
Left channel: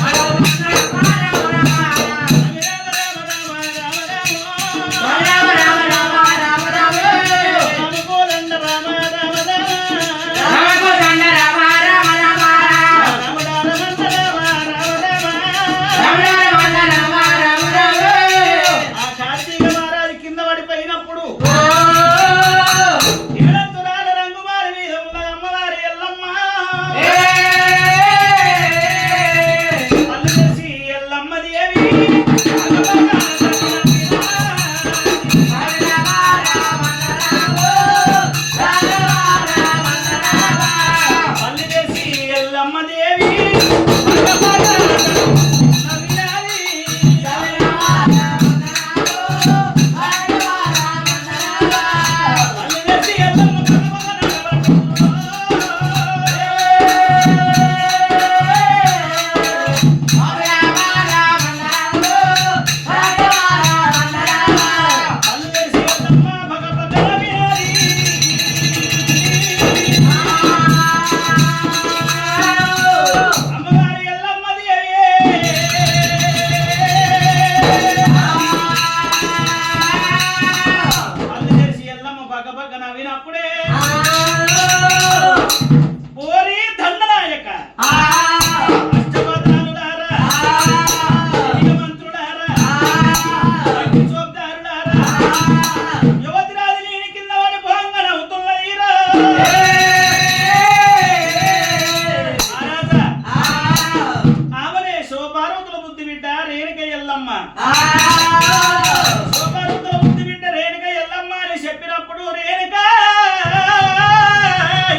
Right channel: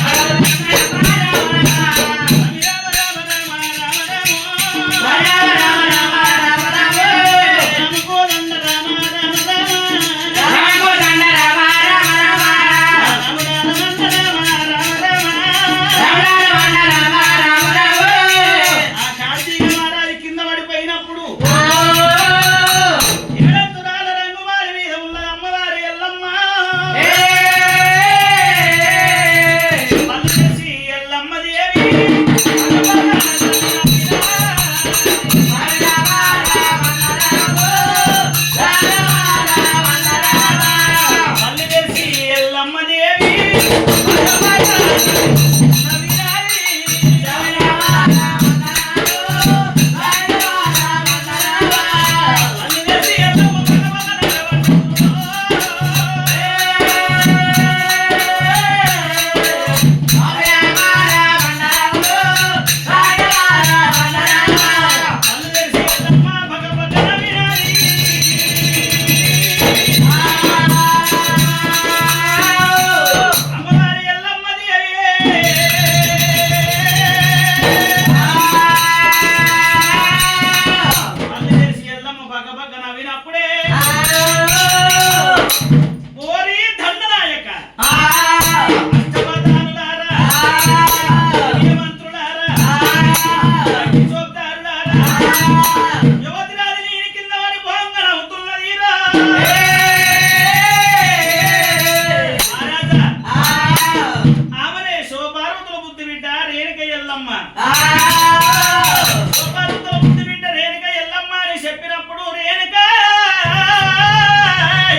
చెప్పినప్పుడు రేణుకా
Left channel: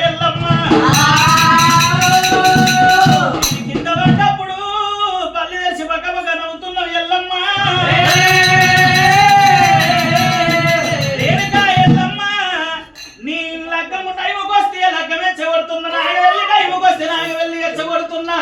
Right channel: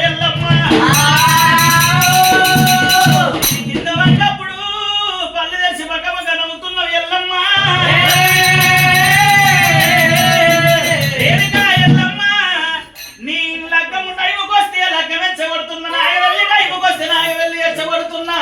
ఎల్లమ్మ కింద పడ్డప్పుడు పల్లె తెచ్చి పక్క నవ్వుతున్నావు ఎల్లమ్మ. రేణుకా ఎల్లమ్మ నీ లగ్గము టైంకి వస్తే లగ్గం ఎచ్చగొడుతున్నా, నాగవెల్లి టైంకి వస్తే నాగవెల్లి ఎచ్చగొడుతున్నా.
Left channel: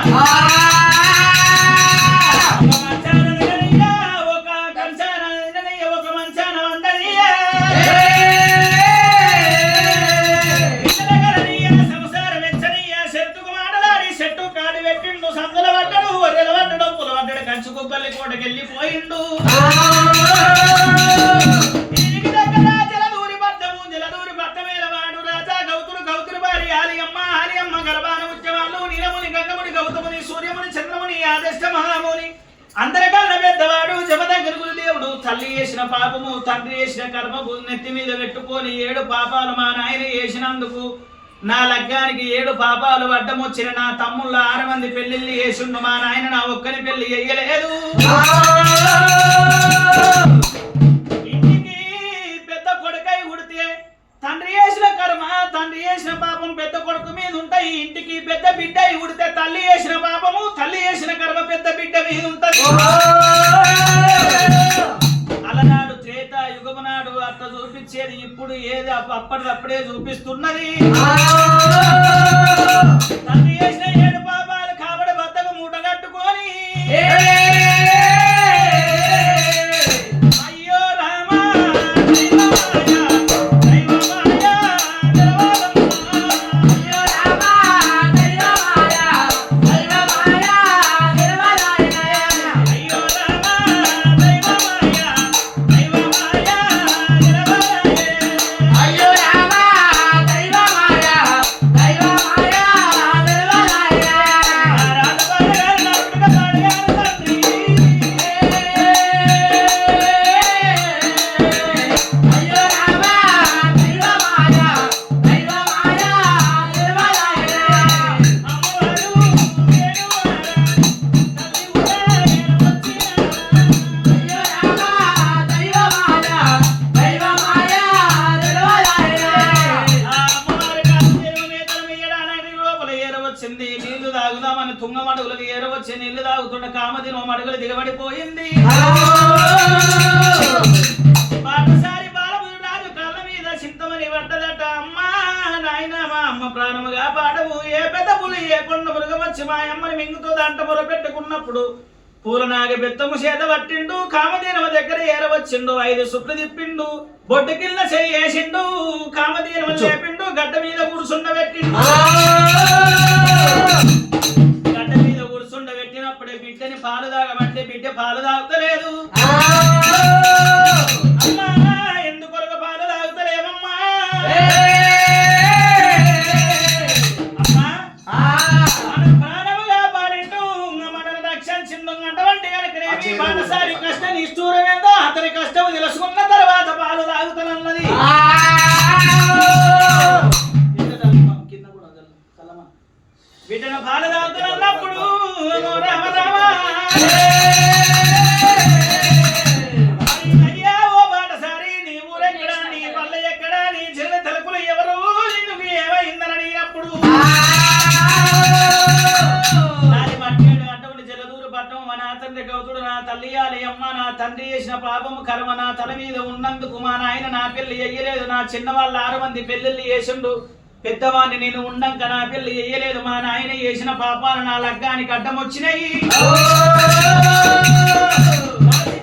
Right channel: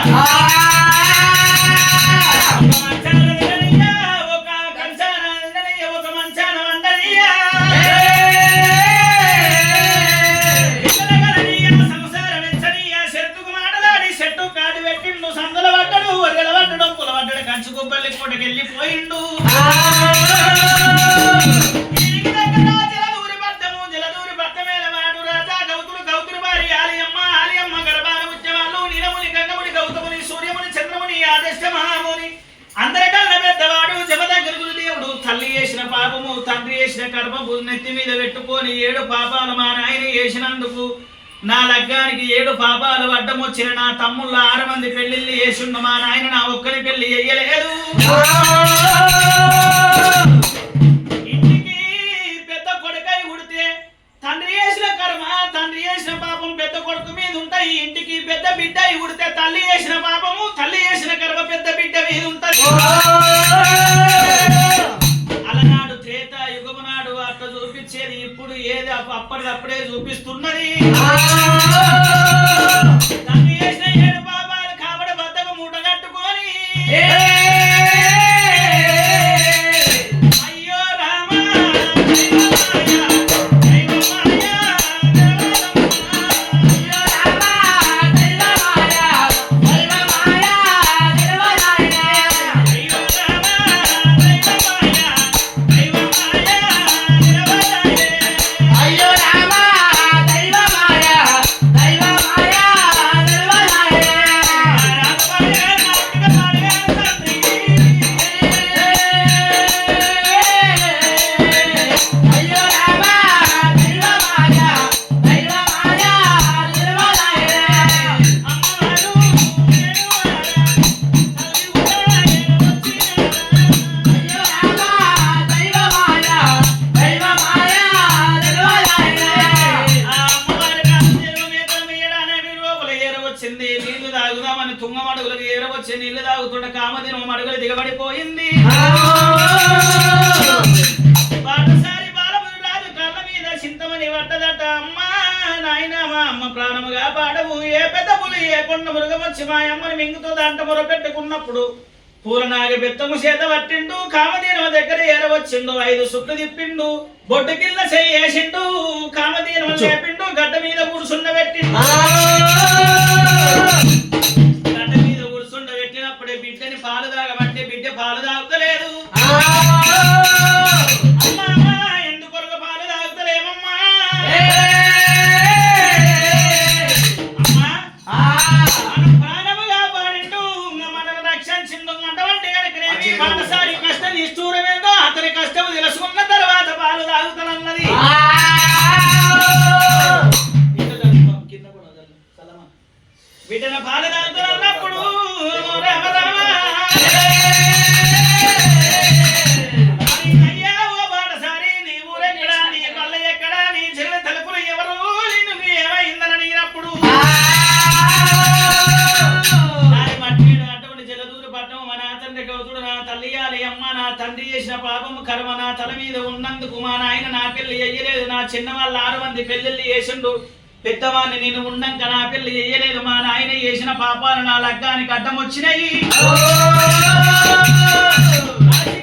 కంచుకుప్పల్లి కోటకెళ్ళిపోయిండు. జలదూరి పట్టము జలదూరి పట్టమేల వాడు రాజా గౌతులు గౌతులు భారి ఆలియమ్మ ఆలియమ్మ గర్భాన ఉద్యమాలు నీలముని గంగముని గౌతముని సూర్యముని చంద్రముని ఆదర్శ మహాముని అందరికన్నా పెద్దవాడు జమదగ్గురు దేవుడు. తల్లి చేసిన పాపము తండ్రి చేసిన కర్మము నెత్తి మీద పెట్టుకొని 7 పాపాలు మా నాయన చేసినందుకు నా లగ్గానికి 7 పాపాలు అడ్డమొచ్చిన నా తమ్ముళ్ళ 6 మంది పెళ్లిళ్ళు చేసిండు. మా నాయన నా ఒక్కని పెళ్లి చెయ్యలేదు. ఇంటికి పెద్ద కొడుకై ఉడితే తండ్రి చేసిన కర్మ తండ్రి చేసిన పాపం పెద్ద కొడుకు మీద ఉంటాయి. ఇంటికి పెద్ద బిడ్డ ఉడితే తల్లి చేసిన పాపము తల్లి చేసిన కర్మ పెద్ద బిడ్డ మీద ఉంటది. అలనాడు త్రేత యుగము నాడు అట్లా చూపించేది, ఇప్పుడు ఏది అప్పటికప్పుడే చూపిస్తున్నది. తండ్రి చేసిన 7 పాపాలు కాబడి బద్దకు మూట కట్టుకొని అయ్యో రామా దిగబడింది. నీళ్లు తాగుదామని తుంగమడుగులకు ఏరవచ్చి నీళ్లు తాగుతుండ కామదినం మడుగులు దిగబడిపోయింది. పాటసారి బాలమురాజు కళ్ళ మీద చింతమని పడ్డదట. అమ్మా నాయన మా అమ్మ ప్రాణముగా పాడవు, ఏ పెద్ద పులి ఏ కొండ మృగమచ్చి మా అమ్మని మింగుతుందంట మొరపెట్టుకున్నప్పుడు పూలనాగ బెత్తము చేత పట్టిండు. కామదీనమ దగ్గర ఏరవచ్చిండు, 5 సుట్లు తిప్పిండు, బొడ్డు కింద చేసిండు. కామదీనమ లేపిండు, గడ్డ మీద కూర్చుండబెట్టిండు. గడ్డ మీద కూర్చుండబెట్టినప్పుడే బిడ్డని పాలు తాగమంటే బిడ్డ పాలు తాగుతలేదు. అమ్మా ఎందుకొరకు పాలు తాగుతలేమమ్మా? అమ్మా మన ప్రాణముగా పాడిండు, మనను రక్షించిండు. అటువంటి కనుకనేమి పాటసారి కష్టం నిష్ఠూరమేందో అతని కష్టము తెలుసుకున్న తర్వాత పాలు తాగుతానన్నది. బిడ్డను పాలు తాగుతున్నప్పుడు రామ రామ అయ్యా ఓ పాటసారి నీ ఊరెక్కడా, నీ పల్లె ఎక్కడా, నీ చెల్లె తలుపులు ఎవరు, నిన్ను ఏమైందని అడిగినప్పుడు దాని మట్టేడు అటువంటి జలదూరు పట్టణం మా నా తండ్రి గౌతుడు నా తల్లి అమ్మ నా తండ్రి చేసిన పాపము కర్మ నా తల మీద ఉన్నందుకు మా నాయన నా పెళ్లి చెయ్యలేదు. నా చిన్న వాళ్ళ 6 మంది పెళ్లిళ్ళు చేసిండు. పెద్దవాడిని నేను ఉండంక నా పెళ్లి చెయ్యలేదు. మా నాయన చేసిన పాపాలు నా లగ్గానికి అడ్డం వచ్చినాయి.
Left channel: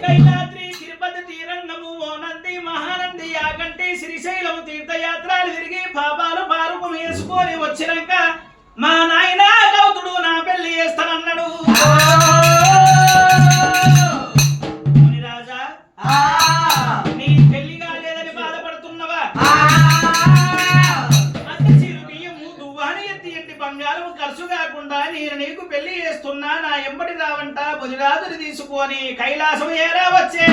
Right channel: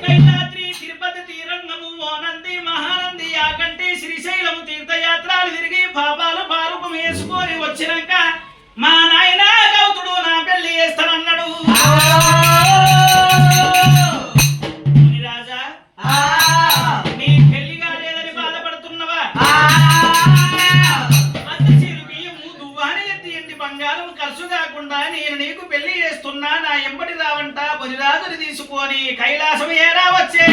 కైలాద్రి తిరుపతి తీరంగము ఓనంది మహానంది యాకంటి శ్రీశైలము తీర్థయాత్రలు తిరిగి పాపాలు పారుపు వేసుకొని వచ్చినాక మా నాయన గౌతుడు నా పెళ్లి చేస్తానన్నాడు. రాజా నీ పెళ్లి కాలేదని బాధపడుతున్నవా? బంగారం ఖర్చు కాకుండా నేను నీకు పెళ్లి చేస్తున్నా, నా ఎంబడి రావంట బులిరాజుని తీసుకొని కైలాసం ఏరా వచ్చే.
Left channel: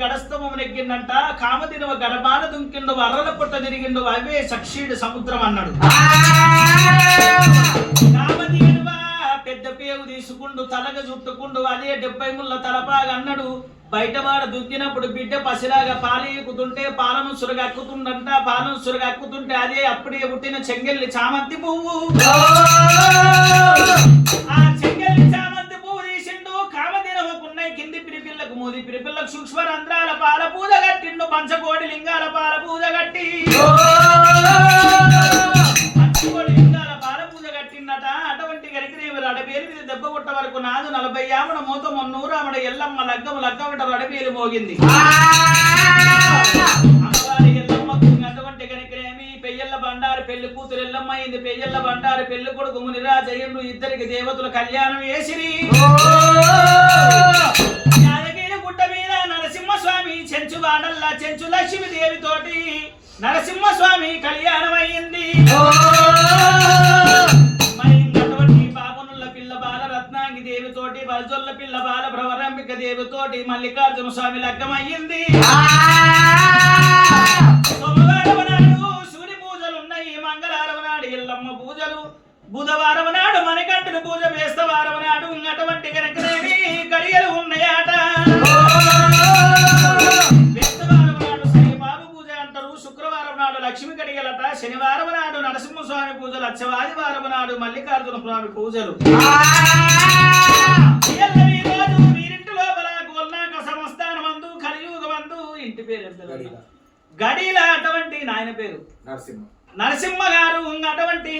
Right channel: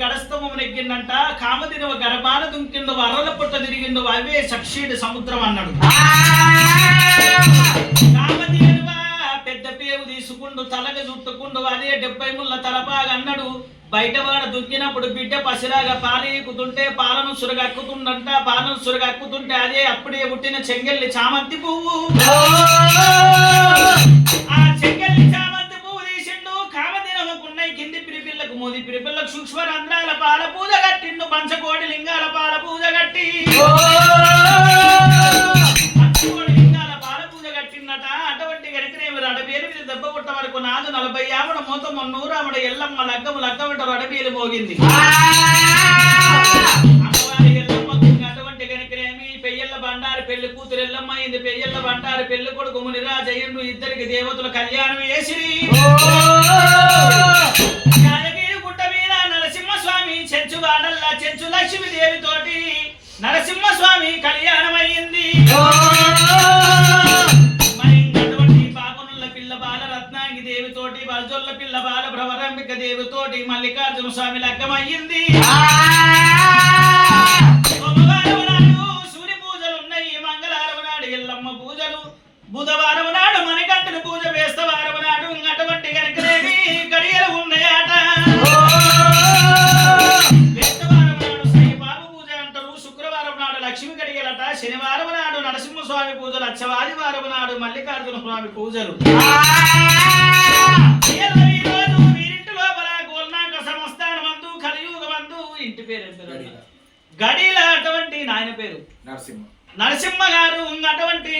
గడస్తమనెక్కిందంట. కామదినవ గర్భాన దుంకిండు, అర్రల పుట్ట తిరిగిండు, అవే సక్షీడు సముద్రం అన్నాడు. కామదినవ పెద్ద పేరు తీసుకుండు, తలగ చుట్టుకుండు, అదే 70 ముళ్ళ తలపాగా అన్నాడు. బయటవాడ దుక్కినప్పుడు బిడ్డ పసిలాగా పాలీకుతుంటే పాలను సురగక్కుతుండంట. పాలను సురగక్కుతుంటే అదే అప్పుడే పుట్టిన చెంగెల్లి చామంతి పువ్వు. ఆ చెంగెల్లి చామంతి పువ్వు తీసిండు. కామదినవకున్నాయి కింది పిరిపిల్లకు మోది పిరిపిల్లకు సూక్ష్మ రంధ్రాల పాల పూజ కట్టిండు. పంచకోటి లింగాల పాల పూజ కట్టి పంచకోటి లింగాల పాల పూజ కట్టిందట. అటువంటి గడికినేమి అడబేలు మీద దెబ్బ కొట్ట వరకు నాదు 40 ఆవిడ మూత 100 ఆవిడ ఎల్లమ్మ లగ్గము లగ్గమిట అడబేలు మోగింది. అమ్మవారి ఎల్లమ్మకు అటువంటి గడికినేమి పెయ్యల్ల బండారి పెళ్లి కూతురు ఎల్లమ్మ అయింది. పెయ్యల్ల బండారి పెళ్లి కొడుకు మునిరాజయ్యుడు. ఇద్దరికి దేవతలు కళ్యాణం చేసిరి. గుట్ట మీద నరసింహస్వామి చెంచు వాడల్లా చెంచు లక్ష్మి దేవి తోటి నరసింహస్వామి కళ్యాణం అయ్యింది. మరి అటువంటి పాపనుల పిల్ల బాల రత్నాంగి దేవి తోటి బల్జొల్ల పిల్ల బాల భ్రవరంబిక దేవి తోటి మల్లికార్జున స్వామి లగ్గం అయ్యింది. సోమవారం నాడు సూర్య పూజలు ఉన్నాయి, మంగళవారం నాడు ఎల్లమ్మ పూజలు, బుధవారం నాడు మణికంఠుని పూజ, బేస్తవారం నాడు అటువంటి కనుకనేవి గడియలు ఉన్నాయట. బేస్తవారం నాడు సాయిబాబు పూజ అంటారు, శుక్రవారం నాడు లక్ష్మి గడియలట, శనివారం నాడు నరసింహస్వామి పూజలు, అచ్చవాదివారం నాడు మల్లికార్జున స్వామి పూజలు. వీరింటి లోపల గోల్నాక సంస్థానమందు కలియుగమందు ఇంటి పేరు గడిల అటువంటి నాయన పేరు నరసింహ గారు. అటువంటి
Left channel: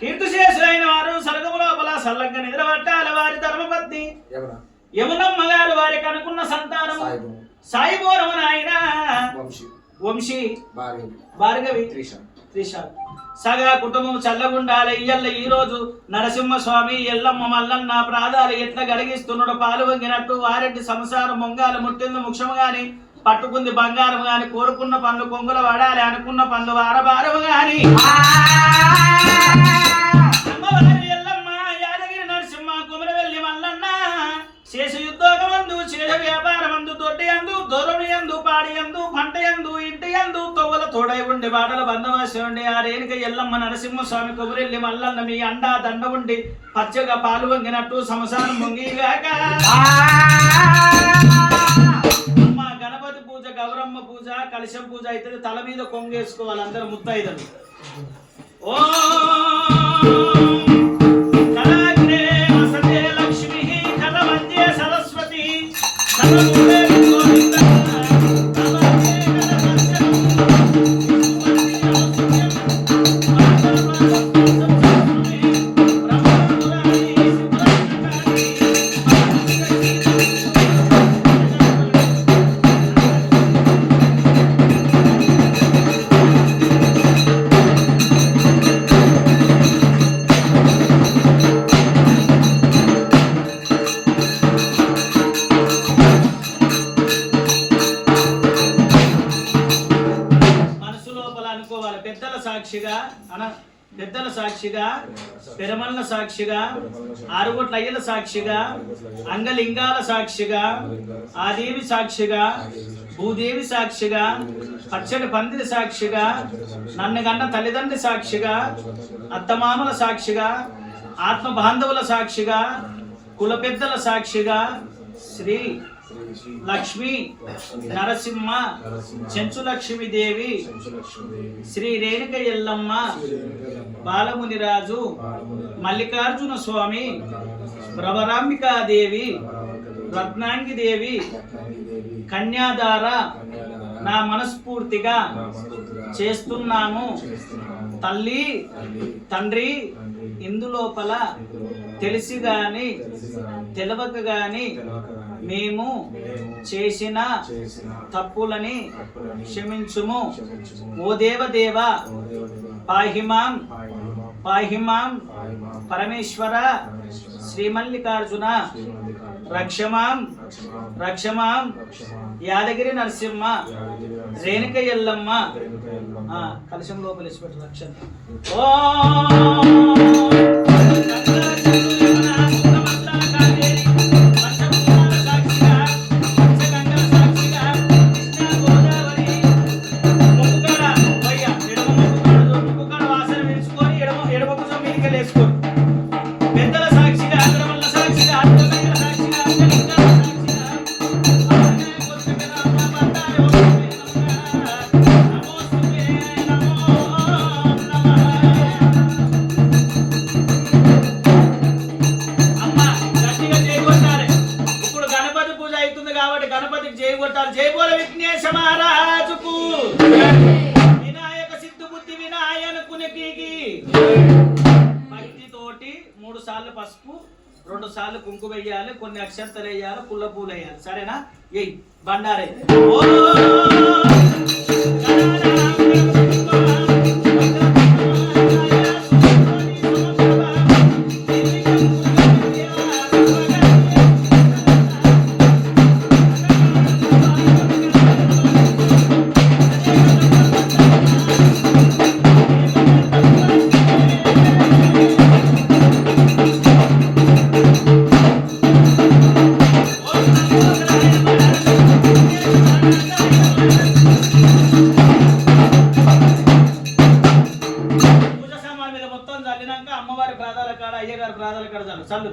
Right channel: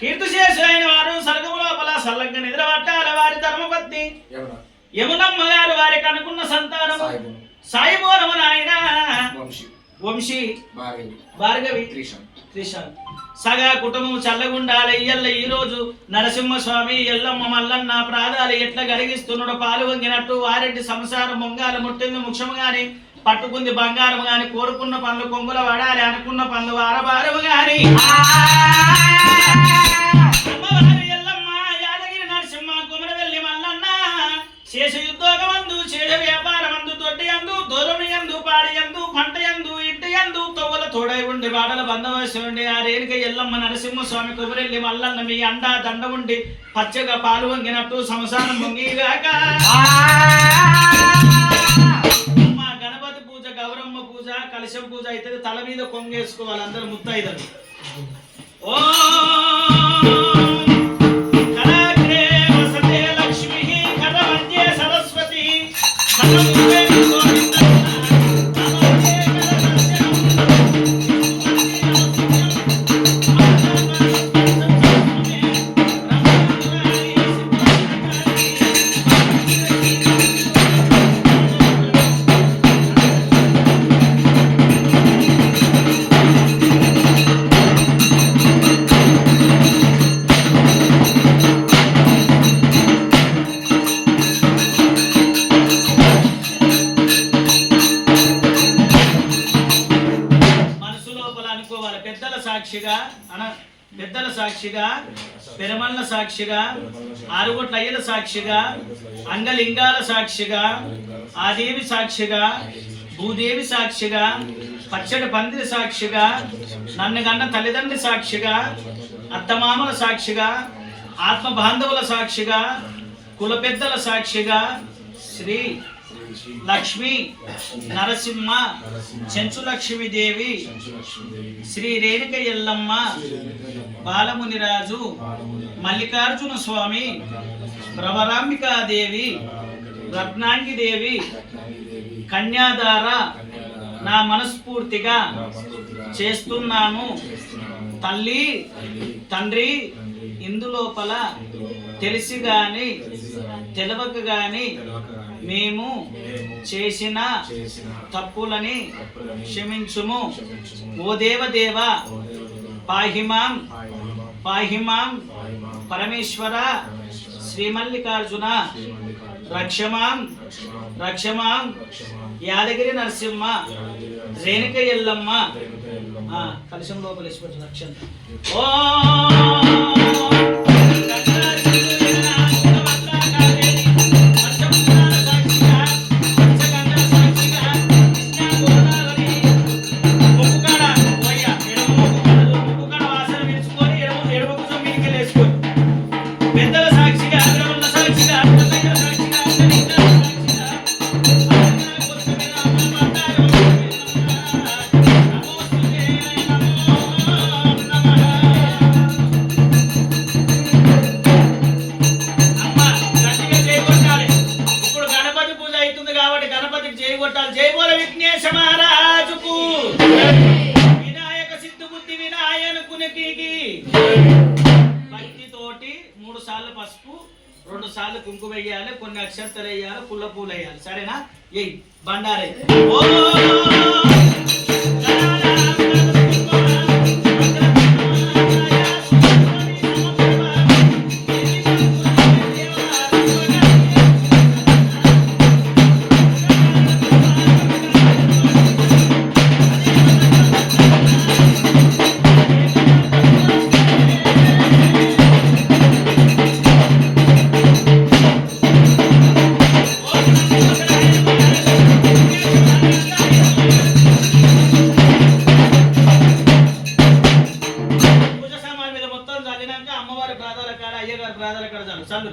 కీర్తిశేషులైన వారు స్వర్గము లోపల సల్లంగా నిద్రపట్టాల. వారి ధర్మపత్ని యమునమ్మ గారు వారికి అనుకున్న సంతానము సాయిబోరము నాయన వంశీ భార్గవి త్రిషాల్ సగా కుటుంబం చల్లగుండాలి ఇయ్యల్ల ఈ రోజు నరసింహస్వామి ఎల్లమ్మ మల్లన్న ప్రాదాలు ఎట్లా గలిగిస్తున్నాడు పాలు వంగినట్టు వారెడ్డి సంసారం మొంగాలు ముట్టింది ముఖ్యము గాని పట్టుకుంది బంగారం గాని కోరుకున్న పనులు కొంగుల వాడాలి అనుకున్న పనులు వారబారము గాని అమ్మవారి ఎల్లమ్మ యాదగిరి నరసింహ కుమరవెల్లి మల్లన్న శేష యుద్ధోగమందు చేడ వ్యాపారమందు దొడ్డి అందు దూరమి అందు పాడి అందు పంట అందు ఇంటి అందు తొవ్వల తోడై ఉండి బాడల బంధవాసి ఉండి ఆ రేణుక ఎల్లమ్మ నరసింహస్వామి కొమరెల్లి మల్లన్న మీ అండా దండ ఉండి పచ్చగా పాలు వంగినట్టు సంసారం ముంగిగాక మా గణపతి పూజ గౌరమ్మ పూజ కలశం పూజ అయితే తల మీద కొంగేసుకోవాలి అందరు ముత్తైదలు ఓ పెద్దల సాక్షిగా పెరమల్ల సాక్షిగా ఆరుగుట్ల అయ్యల సాక్షిగా అంగలింగాల సాక్షిగా ఆదేవి సాక్షిగా భూదేవి సాక్షిగా పచ్చడి పందిరి సాక్షిగా నన్ను గన్న తల్లిదండ్రి సాక్షిగా అత్తమామల సాక్షిగా ఆత్మ బాంధవుల సాక్షిగా కుల పెద్దల సాక్షిగా శ్రీ లక్ష్మి నరసింహ చెంచు లక్ష్మీదేవి శ్రీ రేణుక ఎల్లమ్మ బాలమునిరాజు మల్లికార్జున స్వామి భ్రవరాంబికాదేవి రత్నాంగిదేవి కన్యాదార నా మనస్ఫూర్తిగా చేస్తున్నాను తల్లి తండ్రి ఇందులోపల తెలిసి గాని తెలవక గాని మేము చేసిన తప్పులని క్షమించుము ఓ దేవదేవ పాహిమాం పాహిమాం పరమేశ్వర శ్రీమల్లికార్జున రక్షమాం రక్షమాం యాదగిరి నరసింహ రేణుక ఎల్లమ్మ కలశం లోపల రక్షణ ఓ భక్తితోటి 3 సార్లు పసుపు 2 సార్లు కుంకుమ వేయాలి కొన్ని అక్షంతలు వేయాలి పుల్ల పూలు వేయాలి సరేనా ఎయ్ బండారే అమ్మవారి ప్రాదాల కాడ అయ్యగారి ప్రాదాల కాడ చాలు చల్లు